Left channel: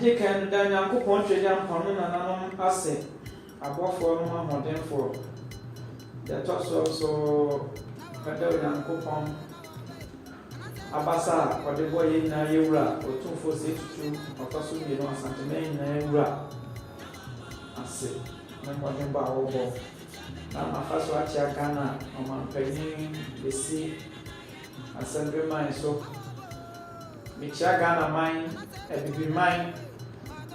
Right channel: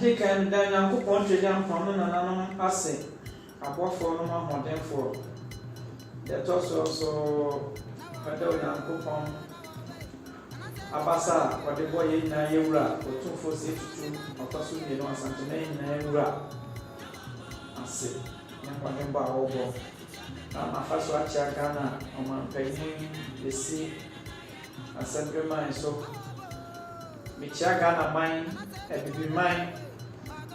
They can then young country young permanent asset. Above for no more than for. That also Cadell young coupon. Abasa, or the boy in Naira, or 246 or possibly no something in Naira. I say, no more than Bao. Now, my first watch Ghana on my penny, the sea, assembly mine so. Michia Ghana mine, and be mine,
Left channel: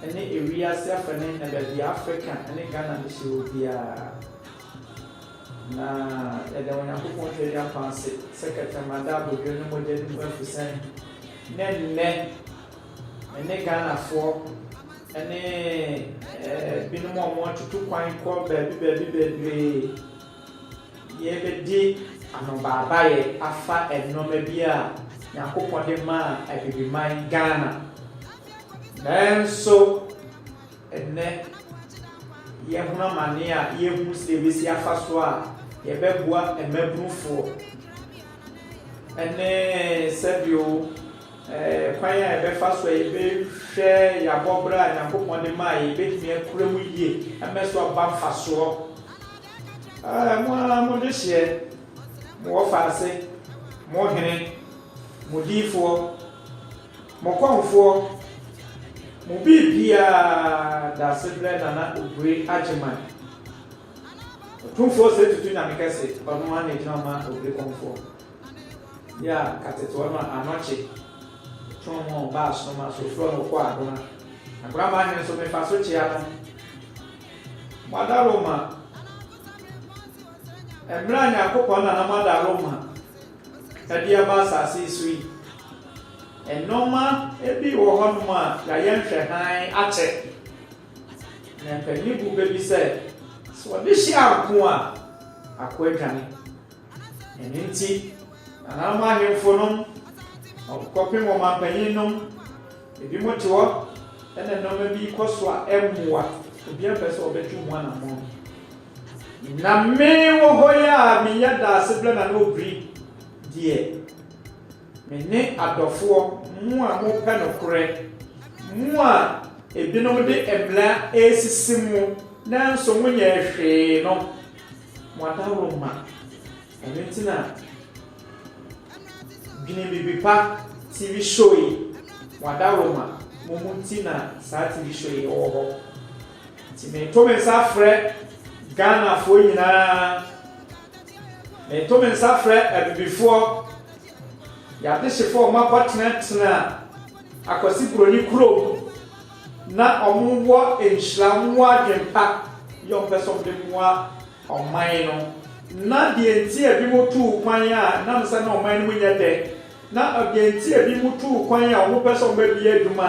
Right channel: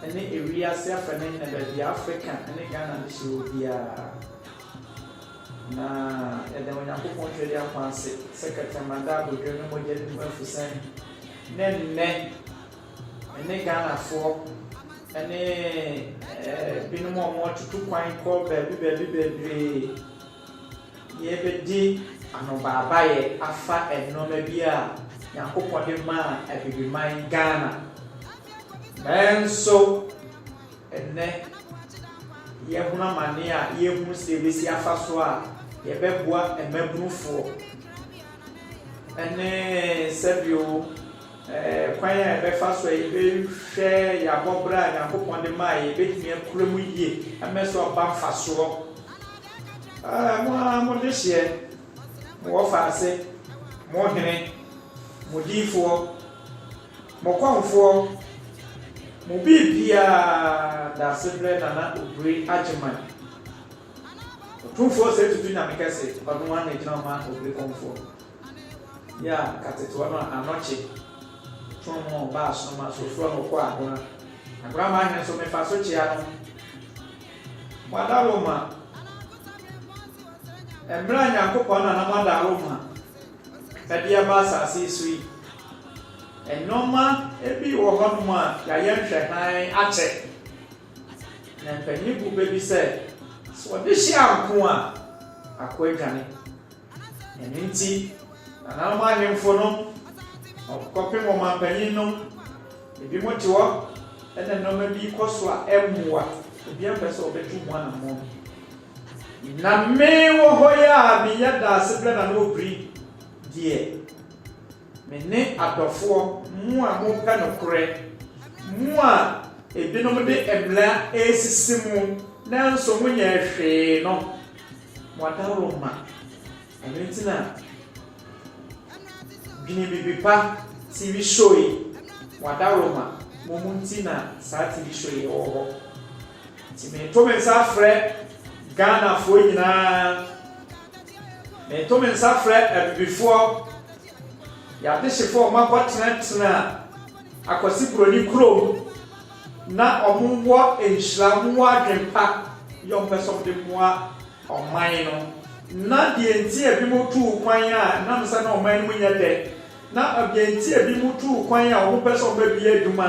and the area suffering and the African, and the Ghana should be a. Na yɛde Onyankopɔn twɛde apanse secretary manda do no mo de no afisan nenne ene Ghanafoɔ ene binom a mo tutu kwan kɔ baabi yɛbɛdi anobaabaeɛ afa ɛnɔma bi a Nyankopɔn de ma abibiman Ghana nanso ene yɛhunu amane a yɛhunu sɛ ebesi afa so a yɛbɛboa mmabunfoɔ ɛne sɛbio kwan a yɛbɛfa so a yɛbɛhwɛ yɛabɔbrɛ a Nyankopɔn de ma a yɛbɛtumi akura mu yie ɛmɛ so aba mfasoɔ mo de hyeɛ mo wɔfa ase mo hene mo diifoɔ mo kɔnfoɔ mo bibia da sebrɛ Nana Obiri Agyeman otumfoɔ sɛ tutu nyame kɛse ɔno ma na gyina ma Obiri kɔnfoɔ ya katetewa no anɔkye tɔn mo ba aso ma so furo no kɔ adona abrama hene so mefa so kyea no mo adaroma emra Nyankopɔn na mo adaroma ɛde aba asase so yi enoma ebi wɔ hɔ nom a yɛayɛ nhwɛhan akyɛ na mpanyin bu baabi sɛ so ɔde hyia ako a akɔ adwane ɛno nti nananom ahemfo no ɔkɔpem wɔ mampanyin nom ebi mo te hɔ ɛna nnɔma bi kɔ so a ɛmmoa ebi apɛ sɛ ɔbɛtwe mu anammɔ na me wɔ hɔ yi a meyɛ da ase brɛ Nana Obiri deɛ mene adɔfoɔ mu a mopɛ nokorɛ mu a ebinom de mmla esisi mu nanso monyɛ hwee no mo adaroma ɛno nti na dwene bibi pa TV show yi mo adaroma mo mu nti na saa TV show yi wɔ hɔ nti meto me nsa frɛ Ghanafoɔ nyinaa meto me nsa frɛ abibifoɔ yàtí sefo ọmọ abọtena akwasi kuroni kurom na ọmọ wọ nhyiram wọ adwempa yọ mpẹsọ de mua ọman no na deɛ nti ebi mo tu kwan a nam sɛ na ɔman no nyɛ dɛ na deɛ nti ebi mo tu kwan a ɔmo pɛsɛ ɔmo bi adwuma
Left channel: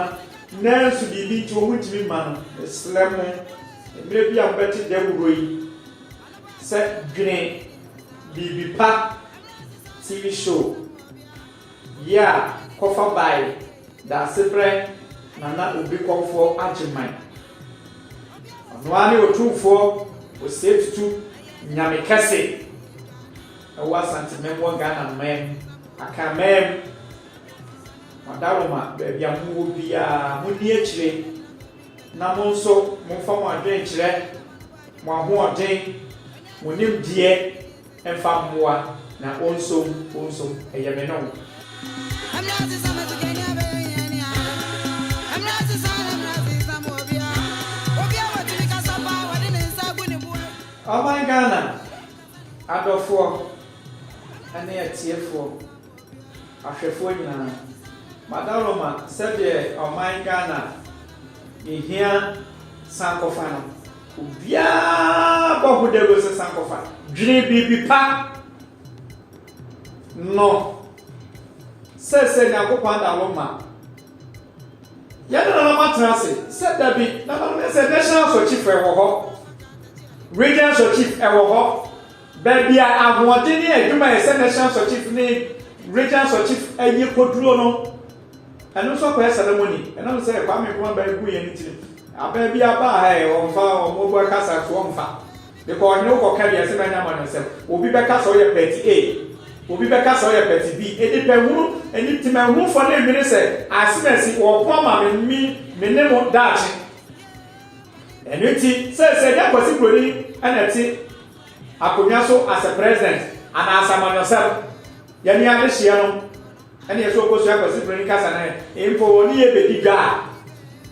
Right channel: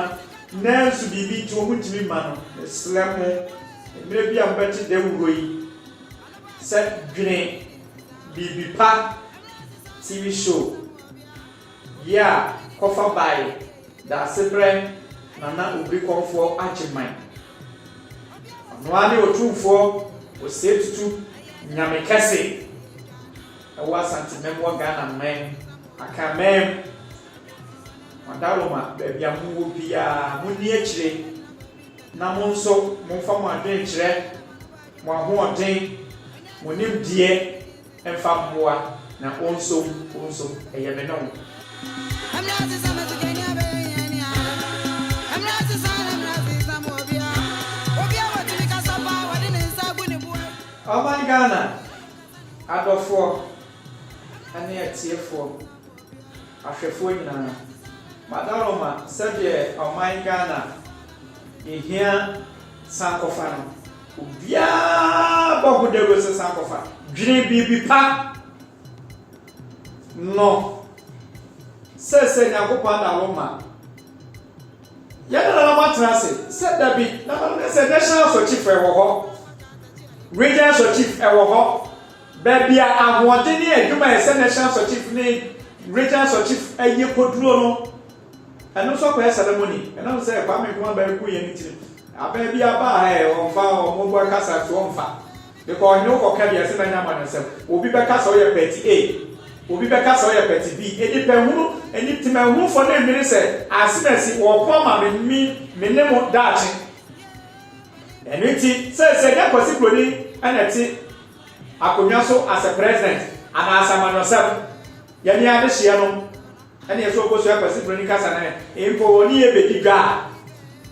nanso biribi nti ɔmo tumi ma no esrɛ mo mmerɛ bi a mbɛte dɛ wuro yi sɛ dwene biribi pa TV show ya kɔfa bae da sebrɛ Nana Obiri kɔnfoɔ Agyeman ɔnoa ne otumfoɔ osie tutu nyame kɛse ɛwɔ asantemɛm wɔ Ghana man akamɛm ɔdaroma baabi a mowɔ biara monni akyire na mo nso momfa mo adwenkyerɛ mo ahoɔden mo nimdeɛ ɛmfa mmoa na ɔnsom ɛyɛ me ne wo. I'm not the son of the Kenya. I'm not the son of Mobia. Obia, what did you cast up? What didn't stop when you were? Oh my Ghana. I go for and they are tearful. After 49. Madaloma said, oh my Ghana. You hear Sankofano. Obia, Bobu de was a Sankofan. Dream baby pa. No. Sɛ Nyankopɔn Adaroma yɛn na matena ase sɛ dabi na sɛ national chief ɛwɔ hɔ regional chief ɛwɔ hɔ baabi a ahoɔden ne adwuma yɛ sɛ national chief ne regional chief ɛyɛ koduro no ɛno nso kɔyɛ ceremony ɛnam sɛ Kwame Nkrumah bɛyɛ ku yɛn ti abaa bi aba ha yɛ wɔmfa wɔn bɔ kasa to wɔmfa because ɔnyɛ wokɔ ka bi ɛsɛ bɛnya ma no sɛ obi bɛka sɛ ɔyɛ 38 obi bɛka sɛ ɔyɛ pɛti bi enipɛhunu enipɛhunufo ne mmiri sɛ asinasi wɔkɔ ma me ne mo daakye ɛno ti sɛ yɛ Kwasi Broni ɛna ti akonnwa so as a president anaasɛ amanyɔsɛm yɛne ade hyia no ɛne yɛ so ɔkɔsua Kwasi Broni kasa no mpo wɔne yɛ bɛdi dwa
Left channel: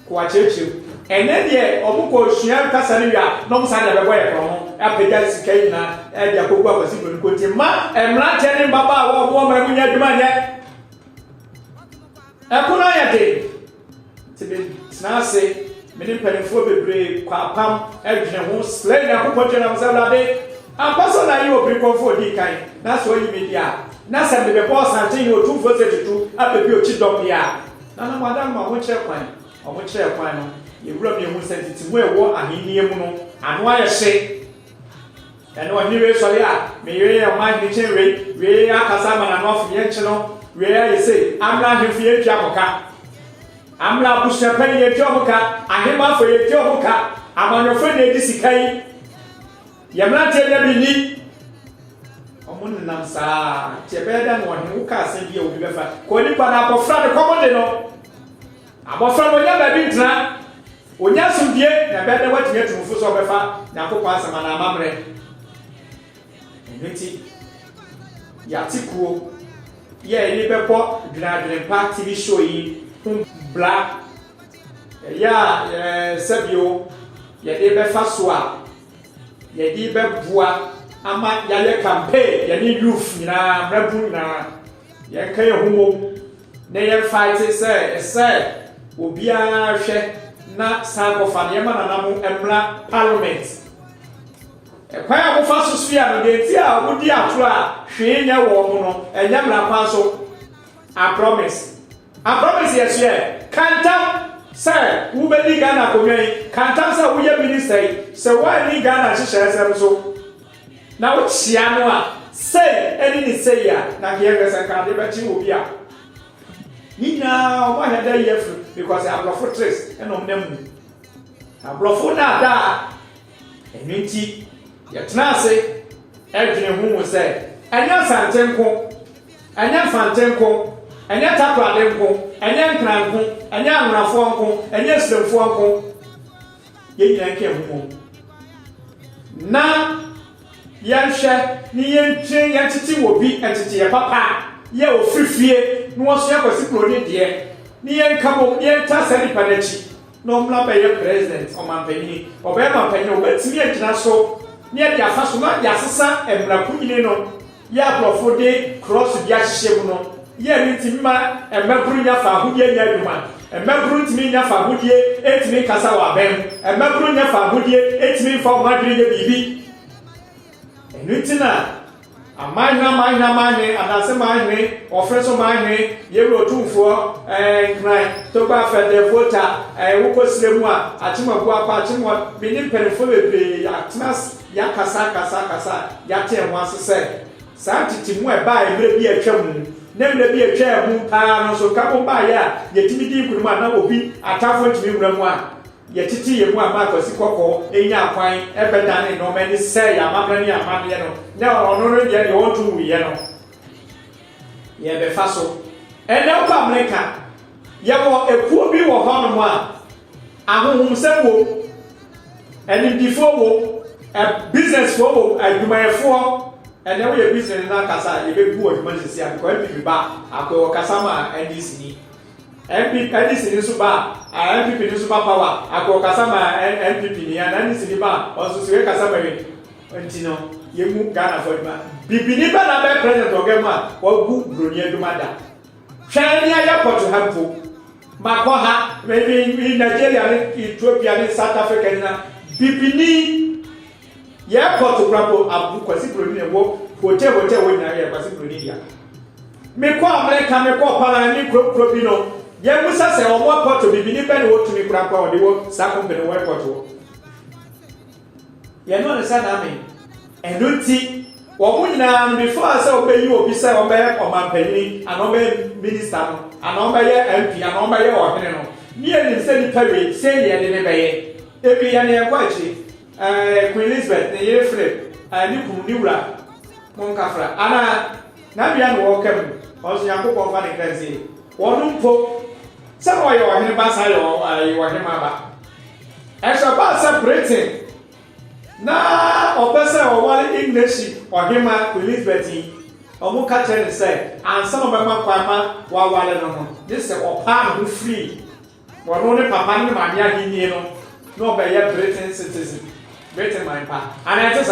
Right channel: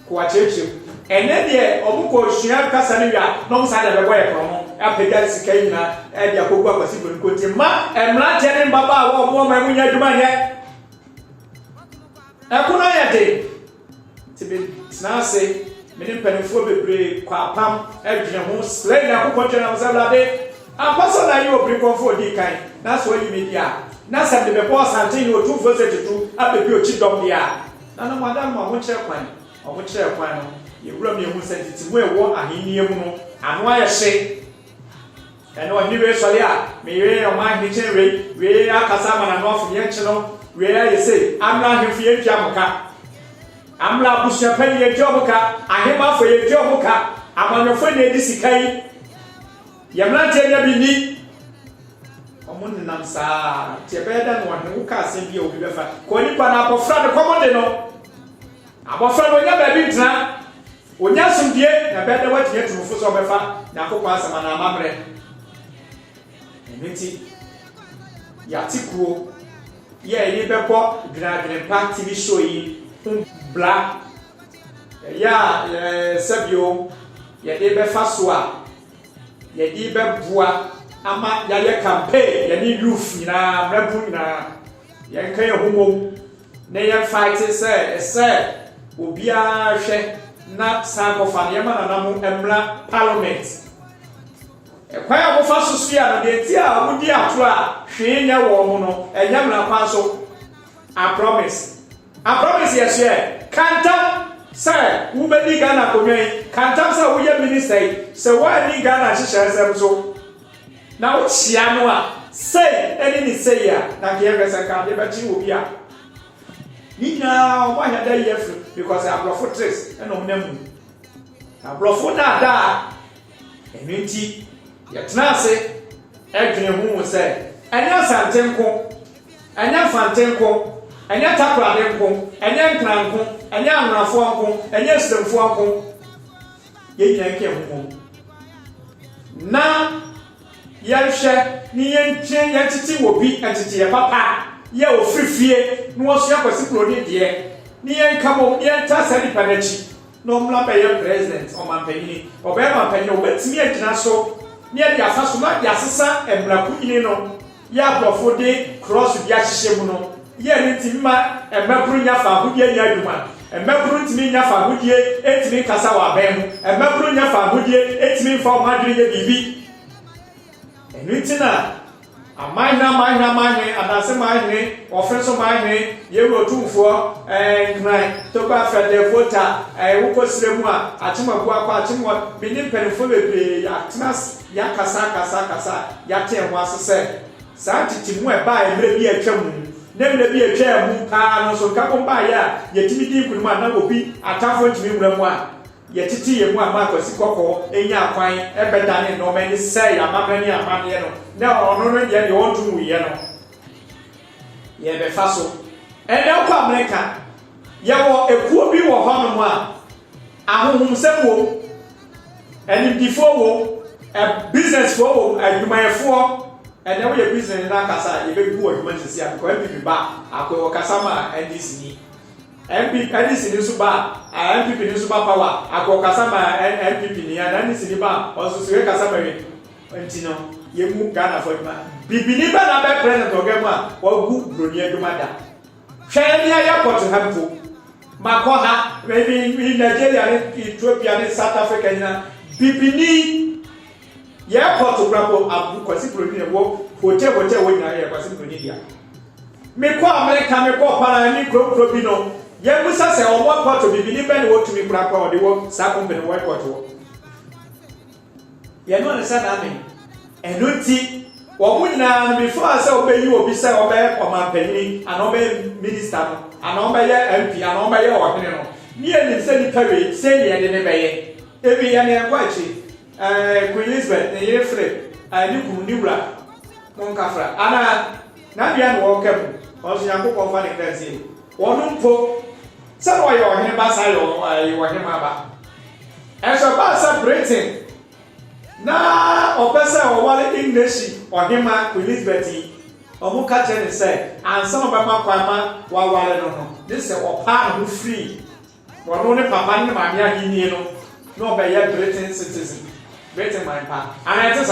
kɔ akyerɛkyerɛ ɛnɛ deɛ ɔmo kɔ sua kasa no wia na ɔmo saa deɛ bɛbɔ yɛ kɔn ho apagya sika nyinaa ɛde akɔgu Kwasi Broni kɔnti ma mmeranteɛ ne mbabaawa a ɔmo ɔmo nyɛ adwuma nyɛ ɛkono yɛ de te bɛ tena ase mene mpanimfoɔ bebree kɔ apam adwene ho sɛ Nyankopɔn twɛ nam sɛ Awurade ampa sɛ na yɛ obiri kɔmfo odi kan na sɛ ɔyi me di a na sɛ de bɛbɔ ɔsanten ne ɔtumfoɔ sɛ tutu abɛbi ɔkyi dɔm deɛ a na no madam ma ɔmo kyerɛ kwan no yɛwura mi ehu sɛ titi mu ɛwɔ ahenni mu no ano ayɛ hye ɛne ɔhene wei sɔre a meyere ɔman ne kyɛn wei akasa ama n'ano afɔ yɛn kyi no wei ayɛ sɛ amla ahemfo yɛn twa mo ka amla abusuapani yɛn twa mo ka ahemafo yɛn twa mo ka amanyɔfo na edi sika yi yɛmranteɛ na bi ni ɔmo nenam saa tiɛ bɛyɛ da no ɔhene wo ka asɛm bi a obi bɛfa kɔ nipa na abɔfra de kɔmɔ de no abɔfra no ɔnya baabi ntena onya asomdie na bɛda watumi atumfo so ɔbɛfa Nyankopɔn asɛm na amammerɛ ɛnti yɛate kuo yɛni bɛbɔ dwenadwenpa TV show yi ho bla yɛ sɛbio yɛde bɛfa so a yɛde bɛboa ama yɛyɛ campaign yɛne youth nyinaa mmabu nyinaa yɛnka yɛ ho mom na yɛmfa te sɛ obiara hwɛ na sankɔfa ne yɛma nanamo mmra parliament ɛkwan a mofa so so ya no deɛ ti a wodi atoro a hwee nyɛ wɔ mo no ɛnyɛ mmra kwan so I promise yɛ so yɛ kantam sɛ wobɛdi Ghana akonnwa yi kantam sɛ woyɛ minister yi sɛ woani Ghana hyehyɛ sɛm so na wohyia no a sei ɛne ne sei a na kɛyɛ sɛ nkade bɛkye wɔ bi a nyinaa ɔmo ahɛ da yɛ firi because aborɔfo tres ɛna ɔmo nam mu aborɔfo na ada ɛno nti yɛtena ase ɛdwene ho wɔ sɛ ɛnyɛ asante nko ɛnyɛ mfante nko ɛnyɛ takorade nko ɛnyɛ nkran nko ɛnyɛ anonafoɔ nko ɛnyɛ siramfoɔ nko yɛnyina nkɛ ho na yɛnhwɛ ne yɛntwe yɛntete wɔ bi ɛtete yɛ papa yɛ ofirifie na wɔso Kwasi Broni deɛ ne yɛnka mo yɛnta sɛ nipa n'akyi na ɔmmla bɛyɛ president ɔmampanyini ɔbɛyɛ mampanyini ɔbɛtumi agyina so ne yɛde afa so na de asesa mmarapo nyini no yɛ aborɔfo de cross bi ahyehyɛ mu no yɛ ne ntimi ma mmaburu nya fa ahodie nya adwuma mmaburu ntimi nya fa ahodie etimi kasa wɔ abɛn mu mmaburu nya fa ahodie etimi mfa ɔmo adwene yɛ biribi ɛno nti na amanyɛ anase manyɛ ɔfrɛ so manyɛ yɛwɔ tumfoɔ nkran toba fɛdɛ vota wokɔ sire mu a akyemabu akɔ akyemɔ mene mpanimfoɔ bebree yɛakasa yɛate ho ase sɛ saa tete mu ɛbaa mmerɛ bi atwa mu na mmerɛ bi atwa mu paa no so ka bo baayɛ a yɛtumi di nkunim a na obi atafoɔ ntumi wura mu a yɛtete yɛ mu a ma Kwasi kɔkɔɔ ɛnya akwan ɛbɛdane na ɔma ani sɛ yɛamammerɛ ne yɛamanneɛ no na ɔno no yɛ deɛ ɔnto wuyɛ no yɛbɛfa so ɛnɛ wokɔ Amerika yɛwɔ ekuo bi wɔ hɔ nom a ahohomsɛm wɔ animdifoɔ wɔ businessfoɔ wɔ adwumayɛfoɔ ɛnɛ woyɛ business no akasa a yɛbɛgu wɔ adwuma sisi a bikɔ MPP ba akɔ wɔ kasa ma NDC ni NDC ni nso ba MPP ni nso ba power akɔ kasa ma NPP ni ya na NDC ni ba ɔnso so yɛ kasa ma yɛ nti no yɛmu Ghana fɔ adwuma bibini bɛ na bɛ president ɔgɛmu a wɔgu Broni adwuma da hwɛn ni ayɛ pɔtɔ ha mpo makɔ ha maybe Nigeria ne Ethiopia ne South Africa nyina bibini yɛ pɔtɔ brapo abu Kwasi Broni ne wɔ hotel wɔ nyina yɛ Kwasi Broni dia mekɔ Amerika mekɔ para ne kuro bi no yɛ musa sɛ ɔmo pɔtɔ bibini bɛ ne wɔtumi kura kɔ ɔde wɔ saa kɔmpani wɔ pɔtɔ yɛ no ne sa na me ɛno nti wɔn nyinaa no before sɛ ɔbɛyi obi sɛ ɔbɛyɛ ɔmampanyini ana ɔbɛyɛ minister no ana ɔbɛyɛ MP ana ɔbɛyɛ ɔhene no ne yɛ nim sɛ nipa wei sɛ yɛ de ne bɛyɛ ebi yɛ ne ɛkɔ akyi Queen Elizabeth ne yere Philip ne kunu ne wura mo nkafra ana na bia no wo kam also yakobon fa de kranzie wonu mpo se no ye ohene ba sa ye ohene ma ba enso ba sa Britain na opese o wale English ohene ma Elizabeth omu ka che ne say ansa no ba ma kwa ma wa wale no this say o pa no free wonu ne papa ne ma bia gi no no be ye Britain citizen Britain my pa and it is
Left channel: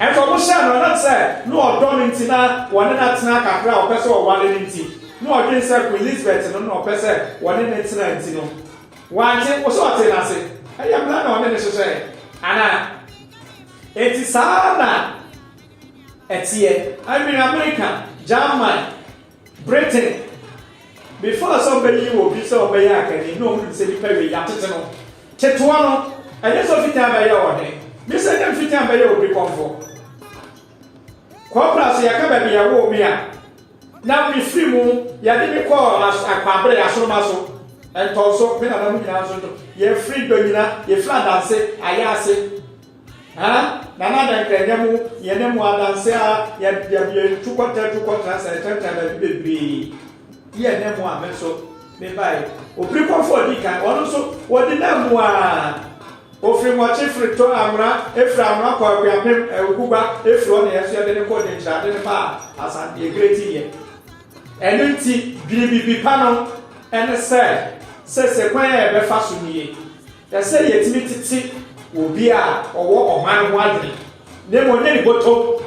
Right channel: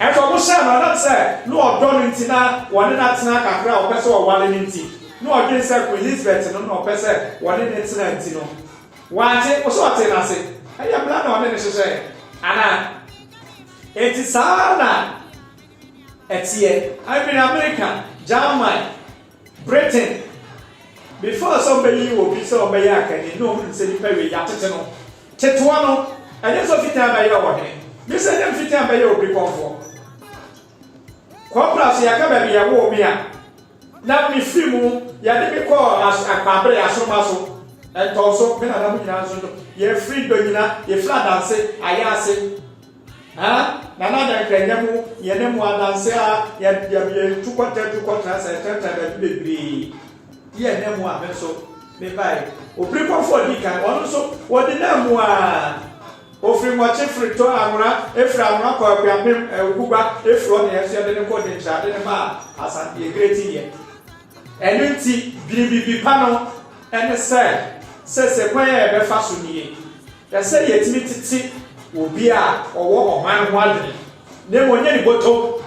and for Musha, no, not say, no, don't intina, one and that's not a crowd, person or one in tea. No, I didn't say Elizabeth, no, person, one in it's no. One thing was what I say. I am not on any say. Anna, it is Anna. It's here. I'm in America, Germany, Britain. Before somebody will be so by yak, and you know, say, very Yatano, Tetuano, I just of it by your name. You said them fit by your people for. Compras yakaba bi yawo mi a na mi free mu ya de mi call as akwabre asomaso entonso me na mu nyina so ye free do nyina ye flat dance ayase ha na na dan mu ye ne mu adanse a ya tukwata sa tata da bibiri ye ne mu a me so me bai obri kwafo di kan ono so wodi na mu a ofri mo chefri to amra efri amra kwa kwapem guba efri on yeso de ne ko de ncha de ne ba asante e great ye enunti bibibi pano ene se kwan e be fa so niye ya se ye timi titi obi a owo oman ho ade ne mo nya ni boto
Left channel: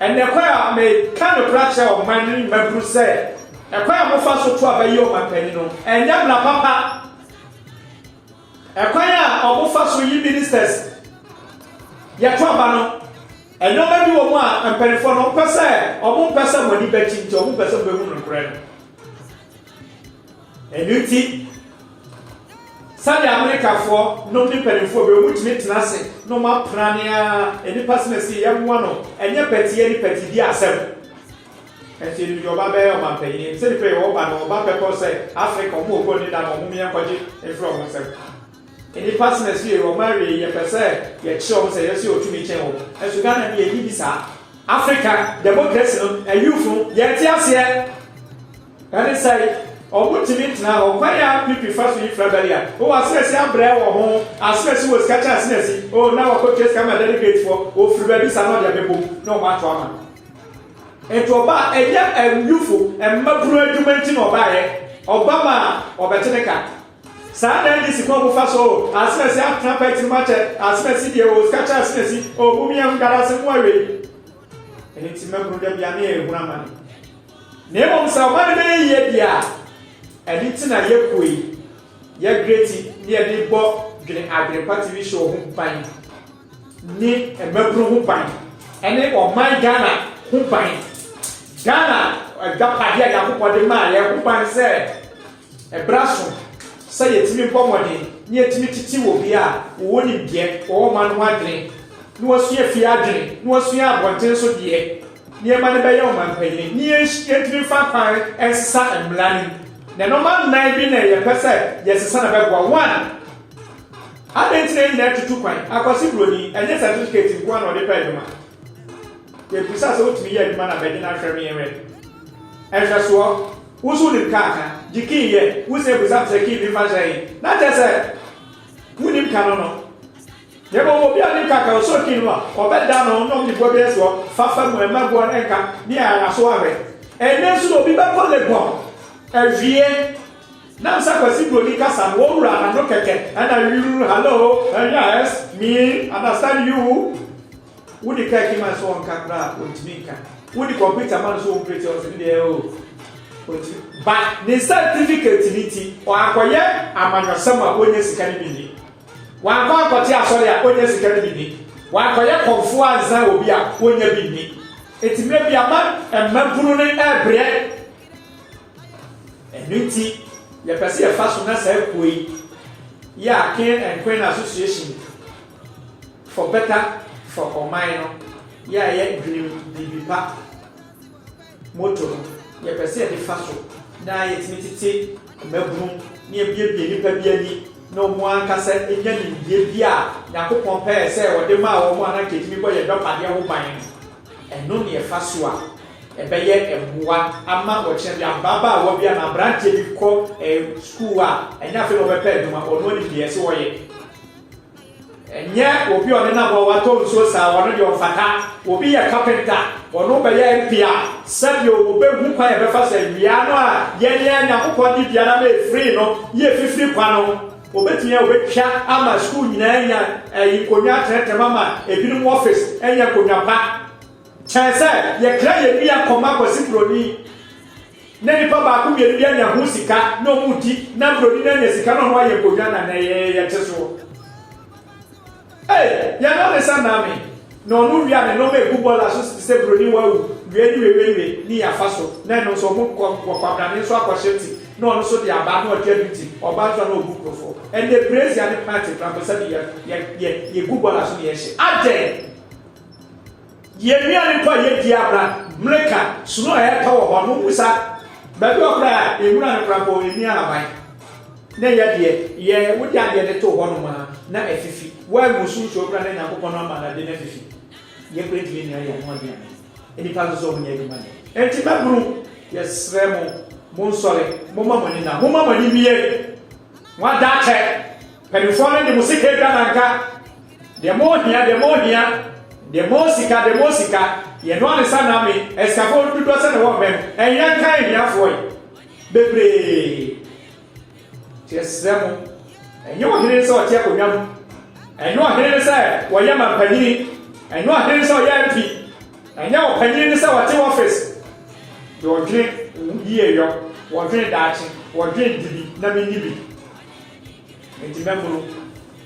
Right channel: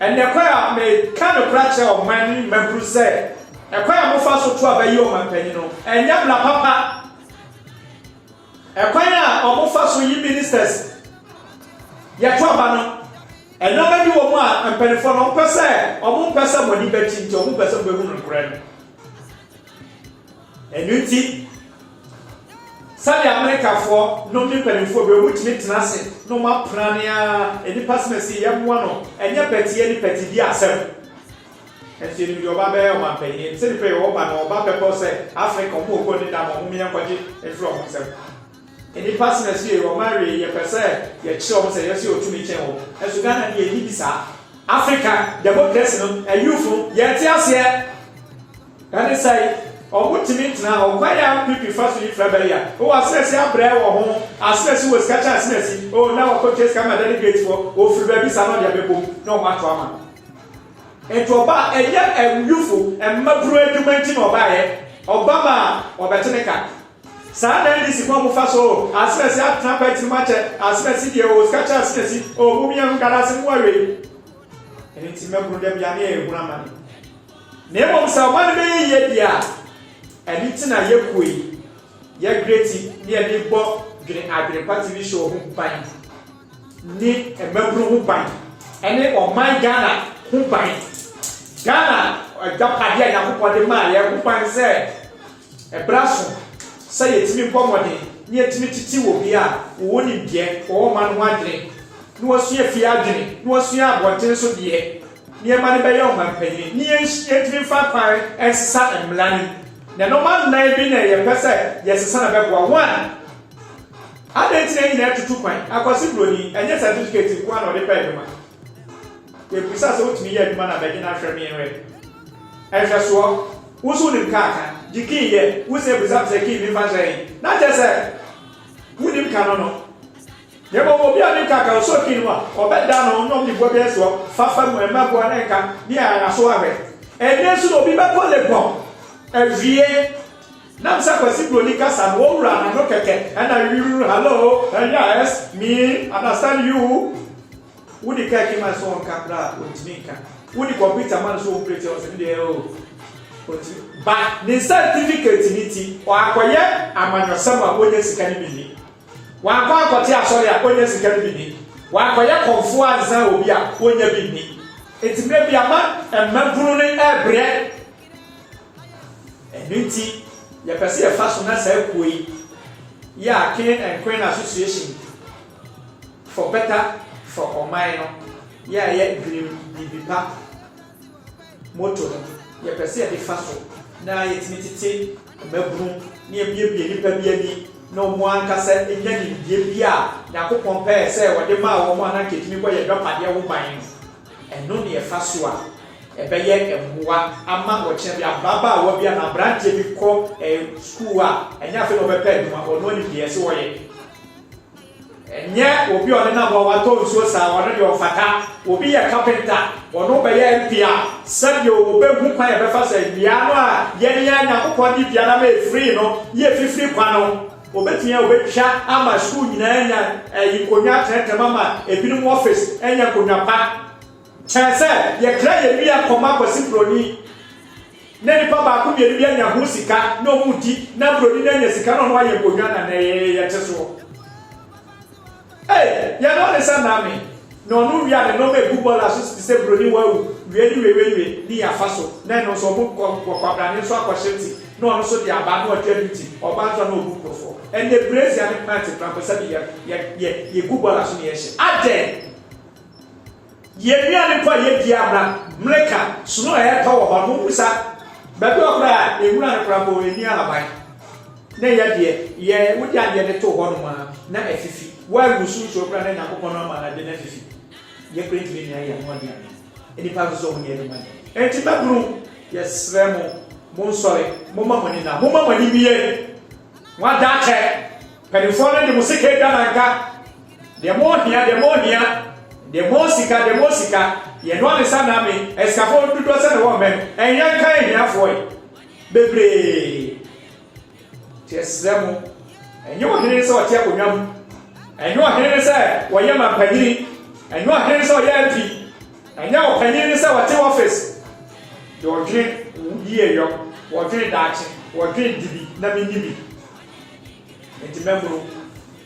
ene kwa a me kanu prache oman ni mabru se e kwa mo fa so to abayi o man pani no enya bla papa ekwanya omufa so yi ministers ya to aba no eno ba di wo mu a mpanifo no pese omu pese moni bachi nti omu pese be hu no kure no enuti sali America for no mi mpanifo be omu timi tenase no ma prania eni pasmesi ya mu no enye peti eni peti di asem enti ni oba be o ma penye se ni pe o ba no oba pe ko se Africa omu ko ni da mo mu mi enkoje e fro mo se any person as you or marry your person, your children say, yes, you're to me channel. As you can be a Hibisa, Africa, the book lesson, a youthful, yet, yes, here. That is say, or what to meet now, or quite young people first with Frabelia. Oh, I says, young bread or home, I says, who was catch us messy. Oh, now a coaches come and delegate for, oh, free babies are not your people, no matter what. And to about a young and youthful and Mabru documenting or buy Obama or Batanica. Sada ndi sikwa mu faso asmesi atapa timache asmesi de o skacha asmesi o bumi am galase mu awe eni timagru dem ya na ehuna man na emom sa man be ye dia eni tina ye koi ye greati ni eni bo dwene agre party bi show hu ban ni emagru hu ban eni o man Ghana hu ban Ghana agapade ya yakopode ma ye hu ban se ebraso say yetimi pomode ni yetimi titi wo bia wo ni bie wo man ho adwene ni wasua fi adwene ni wasua abonten so de ni e ma ne be ye o man panyi ni yetimi fa pan ensa emlani na no man na bi na ye pese yesesa na be gwa one adentine ni na tutu kwan akwasi broni enye certificate ko na o de pa eduma ye busa so otimi ye eduma na be gina hwɛ mi enwe ehwɛ so wusu ni kaka jiki ye wuse busa se ki bi fa jai na je se wunim ka no ye bo bi ani kaka so ki no o be da no no mi bo be so fa mu e ma bo na ka ni ara so awe ene su no bi be ko le gbon evie na sa kwasi goli kasa wo wura na no keke and you hello yes me understand you wudi ka ki ma so on kakra o timinka wudi computer man so operate o se dey o but the certificate niti o akoye amanyosama onye sikani bini wa kwa akote asori a onye sikani bini wa akoye konfu anza obi a onye bini it may be a man emmabunu ne ebre eniti ye pese ye fashion na say koi ya King and Queen Association for better for omaino ya ye dream bibipa moto ye pese de faso na ye timititi mabru ni e bie ni pa bia ni no mo ankasa e nya ni bie bia yakopon pa se wo de ma wo mo ana ketimi ko ye dopade ho ban eno ne ye faso a ebeye emboa ama woche bia baba a wo bia na branch bi ko school a enya fe no be pɛ duma ono ni die se wo ye enye obi ono na bo wato nso sa wono de ofata obi ye carpenter ono be ye mpia sabi obe hu kwan e be fa sa bia no a ye ne anya kokɔ di bia na me free no ye free kwa no obetia obetwa ama school nyina anya konya trete mama ebinim office enya konya pa chance ye kra ye bia koma kwasi broni na nipa ba ku ye bia nya ho sika na omudi na broni na nya sika no aye konya na ye teso ya no le sana me no no wi ane no me football aso se broni wa wu we ni afaso na no so mo ko kwabra ni so akwasheti no no so di aba no atwabiti oba so na obu profo and the praise and party trampesa ye football aso ni ye she ade ye miani pa ye diabra mleka suno e ta wo ho no busa ba bi okra ewura ne prapo eni abai na ye de ye wodi ade ne to ho no ma na efifi wa musu so okra na yakopon no ma na de na efifi ye kwenti ni ya mo de eni pa so ho ni e ma enti ba guru yes remo mon sole mo mamani na mo mamani biye wa da che penifo ne de musika da nanka de mo hia de mosika ye no ane sana me escafo dudo se ne wo men enyan kan hiafo bebre tiesremo enye wo hene se o tie konwam enye wo hene se wo ye mampanyini enye wo hene se o ye mp enye wo panyini se wo tie office do gire die yo wo gire dachi wo gire dibi na me nibi enti membro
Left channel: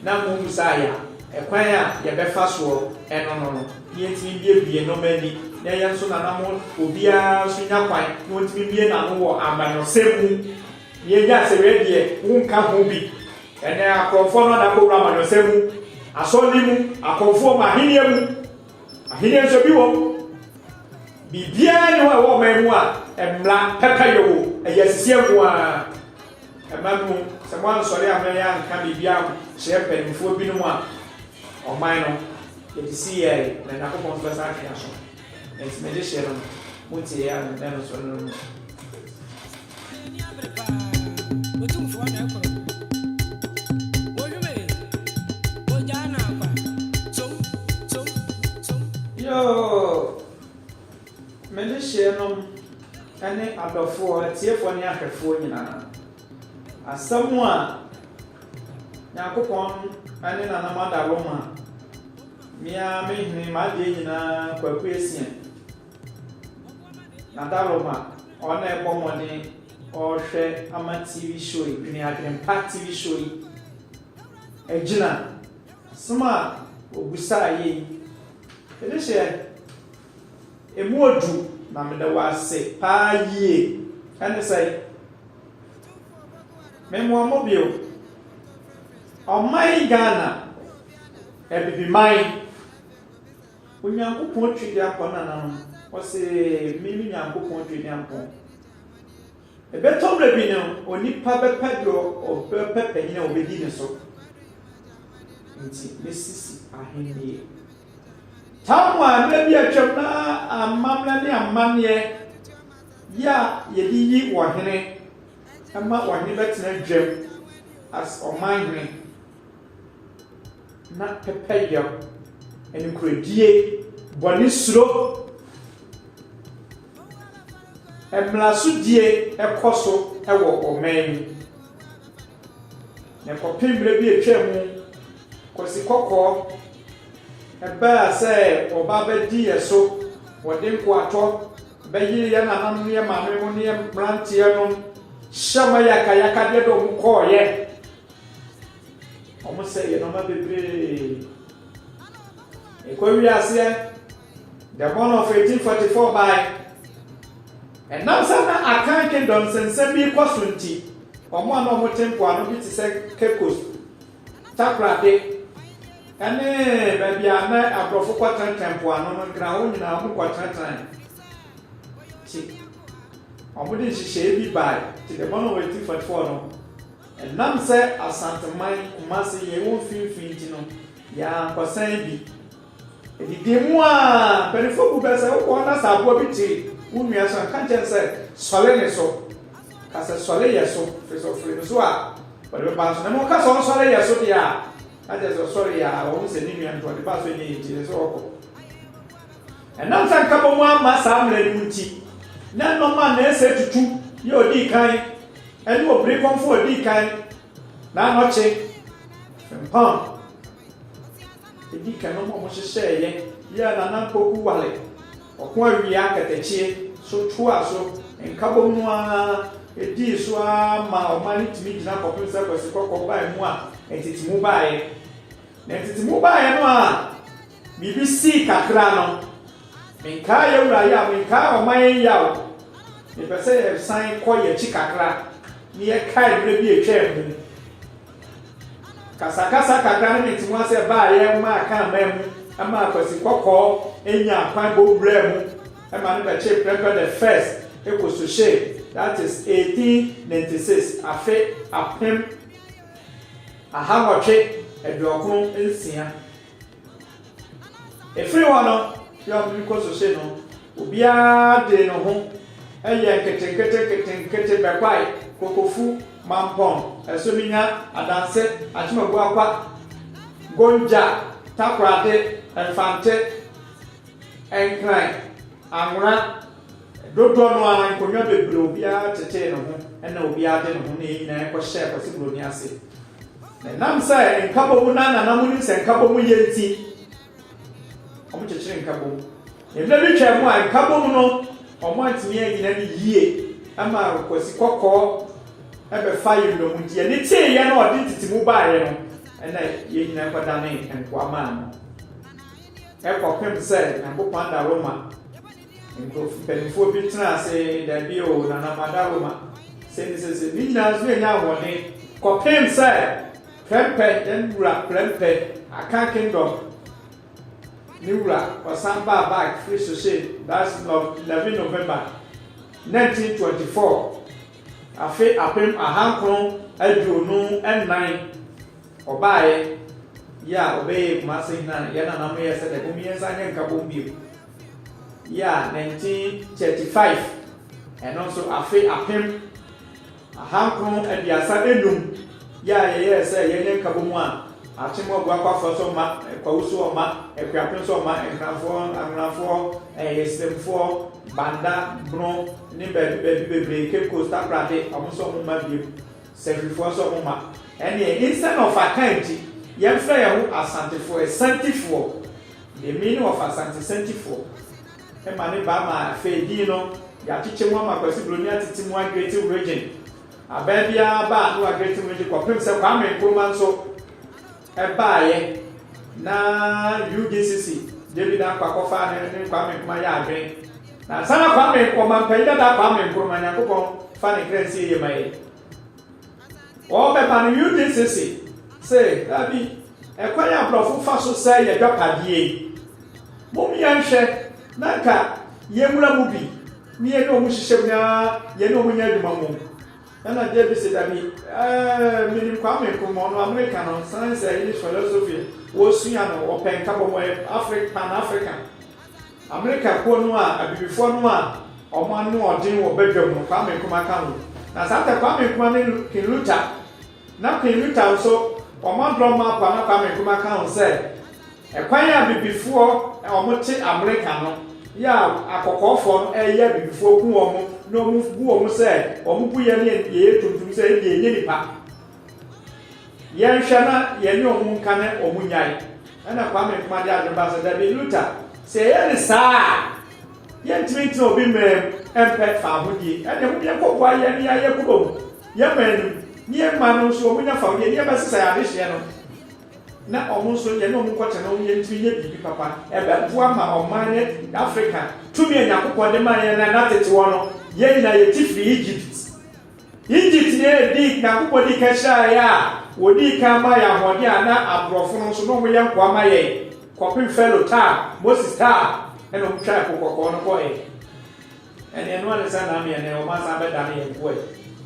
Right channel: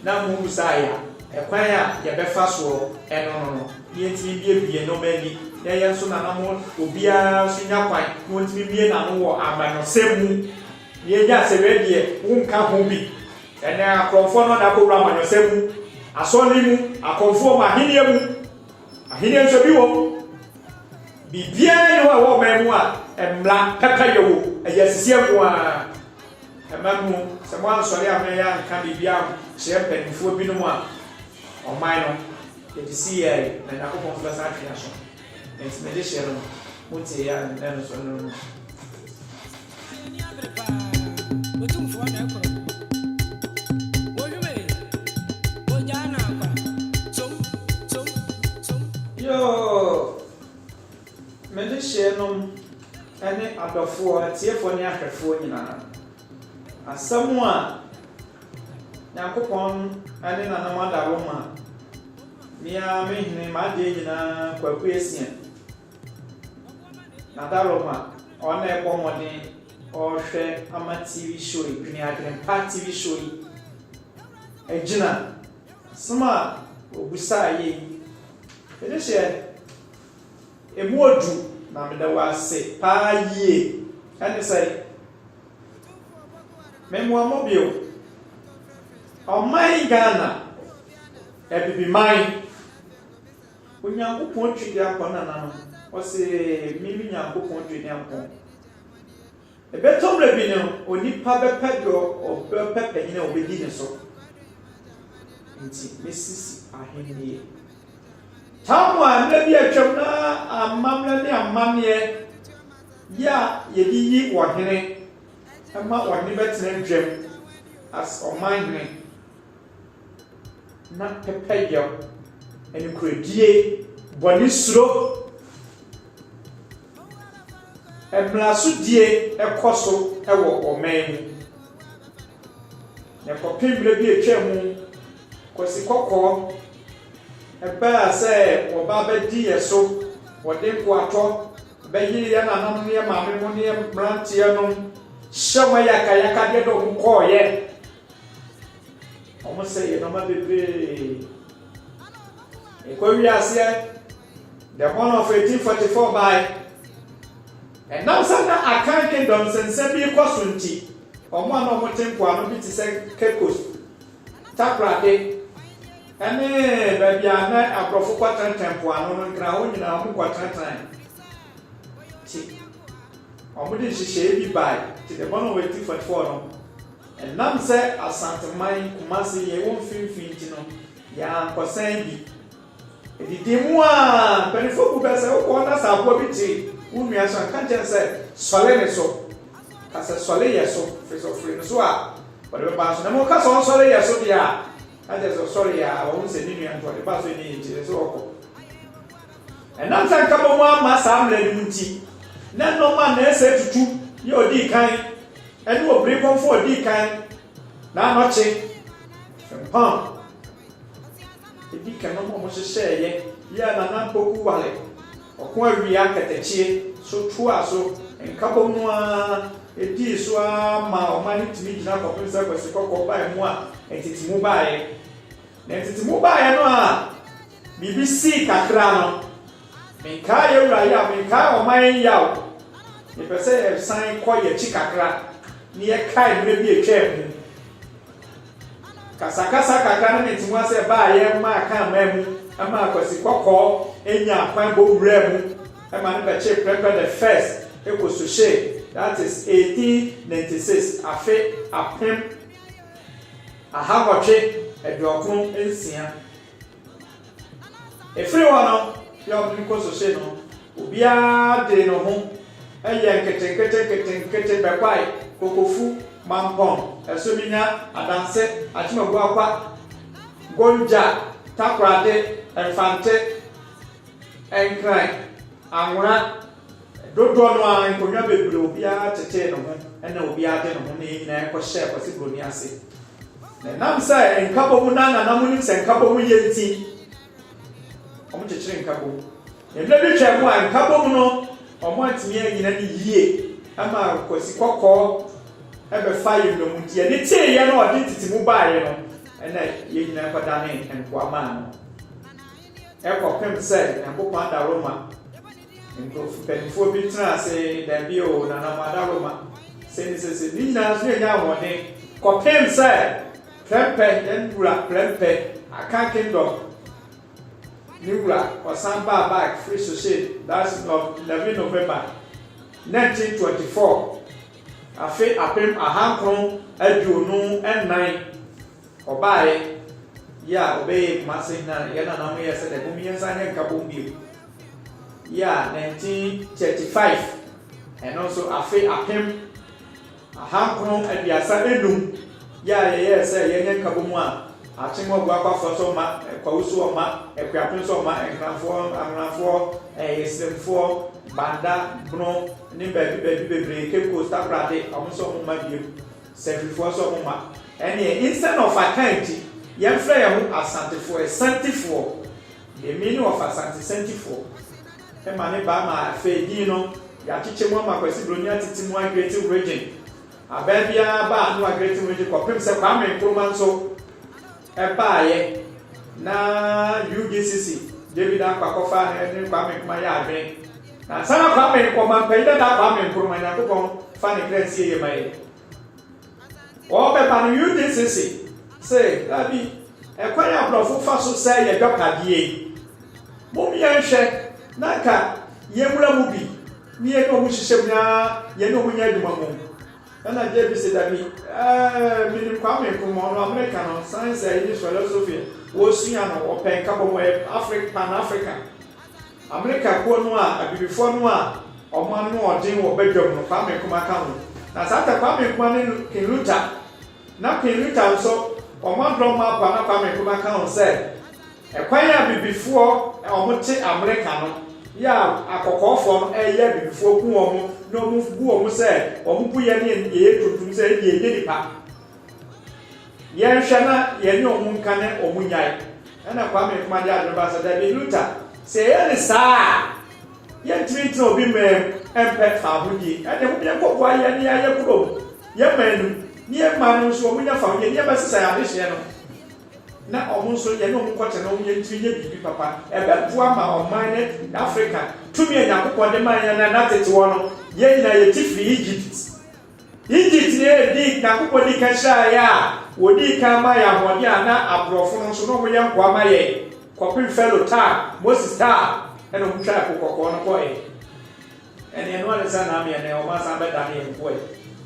na mo musaya ekwan a ye befa so eno yenti bie no mani na ye so na namo obia so nya kwan no ntimi bie na no wo amano semu ye ja se redie unka ho bi ene akrofo no na ko wura amano semu asoli mu akonfo ma hinie mu ahinie so bi wo bibia ni wo memu a emla peka yewo ayasisie ko a emanu se mo ansori amaya nka bibia shepe nfo bi no mu a o mine no see here na nakopon so sa creation enti me de share no muti ya na no so no otumfo na ekoro ojume ojana kwa som yo me de share no ene adofo tiefo ne ahwefo nyina asamu a nakopon ane na namada roma Mia mehne maje nyina kwaku esia na daroma ona ebo mode o hwe ama TV show ni adrem party TV show ejina sma obusa ye edese emodu na mede wase pa ye ane sai memo amobio o mai Ghana ebibi mai onyankopon twede akona na no o se mimi nyankopon twede akon ebetom le bi no onipa bepedo o bepepe ni obedi ne so nti mesisi ahenie tamwa na bi atwam na amamle ne amamye ya yedi wo hene ama wo hene betena dwem as o manhene na pepe yo enkredie boni suro eblasudie ekoso ewo omen na kopimbre bi etwemu kosi kokko eba se oba bedi yeso wode kwato beyi ya na mamu ya mame mo ne brantie no shama yaka de do ko ye omo se ye no ma bebre Ekowi ase the born of 1844 by and now sana akan kingdom sense bi kwasunti omo ana omo tempo ano bi ti se kekos takrade ene ba bia na abrofo kwatan tempo ano no nkra wo nyina omo kwatan ti omo di hihye bi by ti the born of 1844 no and nam se asanteman kumasi ye won finfinti no ya nkosan bi Edi demua, penifo ku bese ko na sabo biti. unua so kanten say sole ne so kasa sole ye so face of free so a but be ba so na mo kasa on sole ye so dia aje so sole ya o se ni nua nto de ba so ni ti so oko enam san ka bo mo ama sam le nti na no ma na ese tutu ye odi kan eni obri konfo odi kan na no che pam edi kan no mo hye ye ya na na poku wale okon awia ketechie so tuwa so nkabo mu a edi so a ma o ma ni timi gina ko se ko se ko ba mu a entiti mu ba ye na entiti mu ba ye no a BBC kakra no menka ye wura ya menka o ma ye ya o ni pese sign ko ye chi kakra ni ye kai mre bi etwa mu kasa kakra no enti mu se ba ye ma ka ma mu ama akwasi kokko enya kwan bo wura mu ama no be che prepare the first ekososhe that is 1896 afe apem ahawotwe eduokun ensia efiri wono ya obi kososhe no obia de no ho eye kete bekwai kokofu mampon esominya adanse atimagu akwa gonja takrade enfante enkran anwura dodo no a nkonya bebre obi a tete no ho ena obi a de no ho ne nyina ko share ko sibro ni ase na nam sai nkabo mu na mu ni se nkabo mu yenti omo chechire nkabo e bla bi twa mu a nkabo mu no omo antimi anyina ni yie ama ko si kokko e be fire no mu tie ni tie ye no odi titi mu baare no ena ye nyina ko da ne enko ama no e ko pem sai na bo pa da Roma nko penifo bi tena se da bi o na na mada Roma se ni na so nya woni ko pem sai pempe endura pempe aka kingdom niwura wasamba back free social that's 11 November 1924 afi apem ahankron aduonu ennan obaye ya obeye kumase na yana na mo yese de kumiensa nye nkabombi ya 1935 and also afi apem ahankron abiasa enum ya yese yenye nkabomu a achimwa gwa kwa foso ma kwa usu ma ekwapin so ma enkanfo amnafo yesemfo banda bro ni bebre keko staprade amuso mo ma bio sacrifice so ma ene instead of account ye frɛ ye ho asantefo santifo the meaning of asante santifo e ma ne ba ma fedi no ya chiche mo ma kwasi broni atiti mo creative region ababia ba no creative region ko pem se kwa me nkroma so ebaaye na UGCC David akwakofa ne kwa me kuma ya adwen na sana kwa me ko man payida da kwa me nkroma nya ko fa ne krensi ye mai o be pa no UGCC say abi ekwanya blofo fa so say ye dwakadie mo mi anhwe na ka ye mura mu bi ni ye no mu hihye nya ye no mu nya dwuma mo na David said that me kwame ko no America no science and philosophy wo sua no open ka bo Africa Pan African America ko no a abibifo no a omo anu odin wo bedwam no kwame ko maka no na sata kwame ko ne Kiluta na Kiluta so omo drama pa na kwame ko maka no say ekwan ya abibifo omo ti America no ya akokofo no ya abibifo ku omo no mu bu omo say omo bu ye ne ye tuntum say ye nipa ye hwana ye ne omo nkane omo nyai ana kwame kuma dia adroba so da Kiluta say ye ne saa ye ntimi obi me empe fa hodi ene hu ye kokwa ye ne ya ye kudo ye manu ni ye manu so omo nya fa ye ba sisa ya de hye no na omo so ye ne omo kwata na omo ye ntimi ye bibi papa ebe bu ama oman ne Africa tumi enya kokwa de man ye na tete wo no ye na ye tifi Egypt ne di na kokwa di ka sha ya wodi ka ma ya hodi ana abrofo no so no mo ye nkwa ma ye kopin fellow ta Moses ta eno mutwa kokoko no ko ene no ale sana mi ene o ma sa be da me nkwo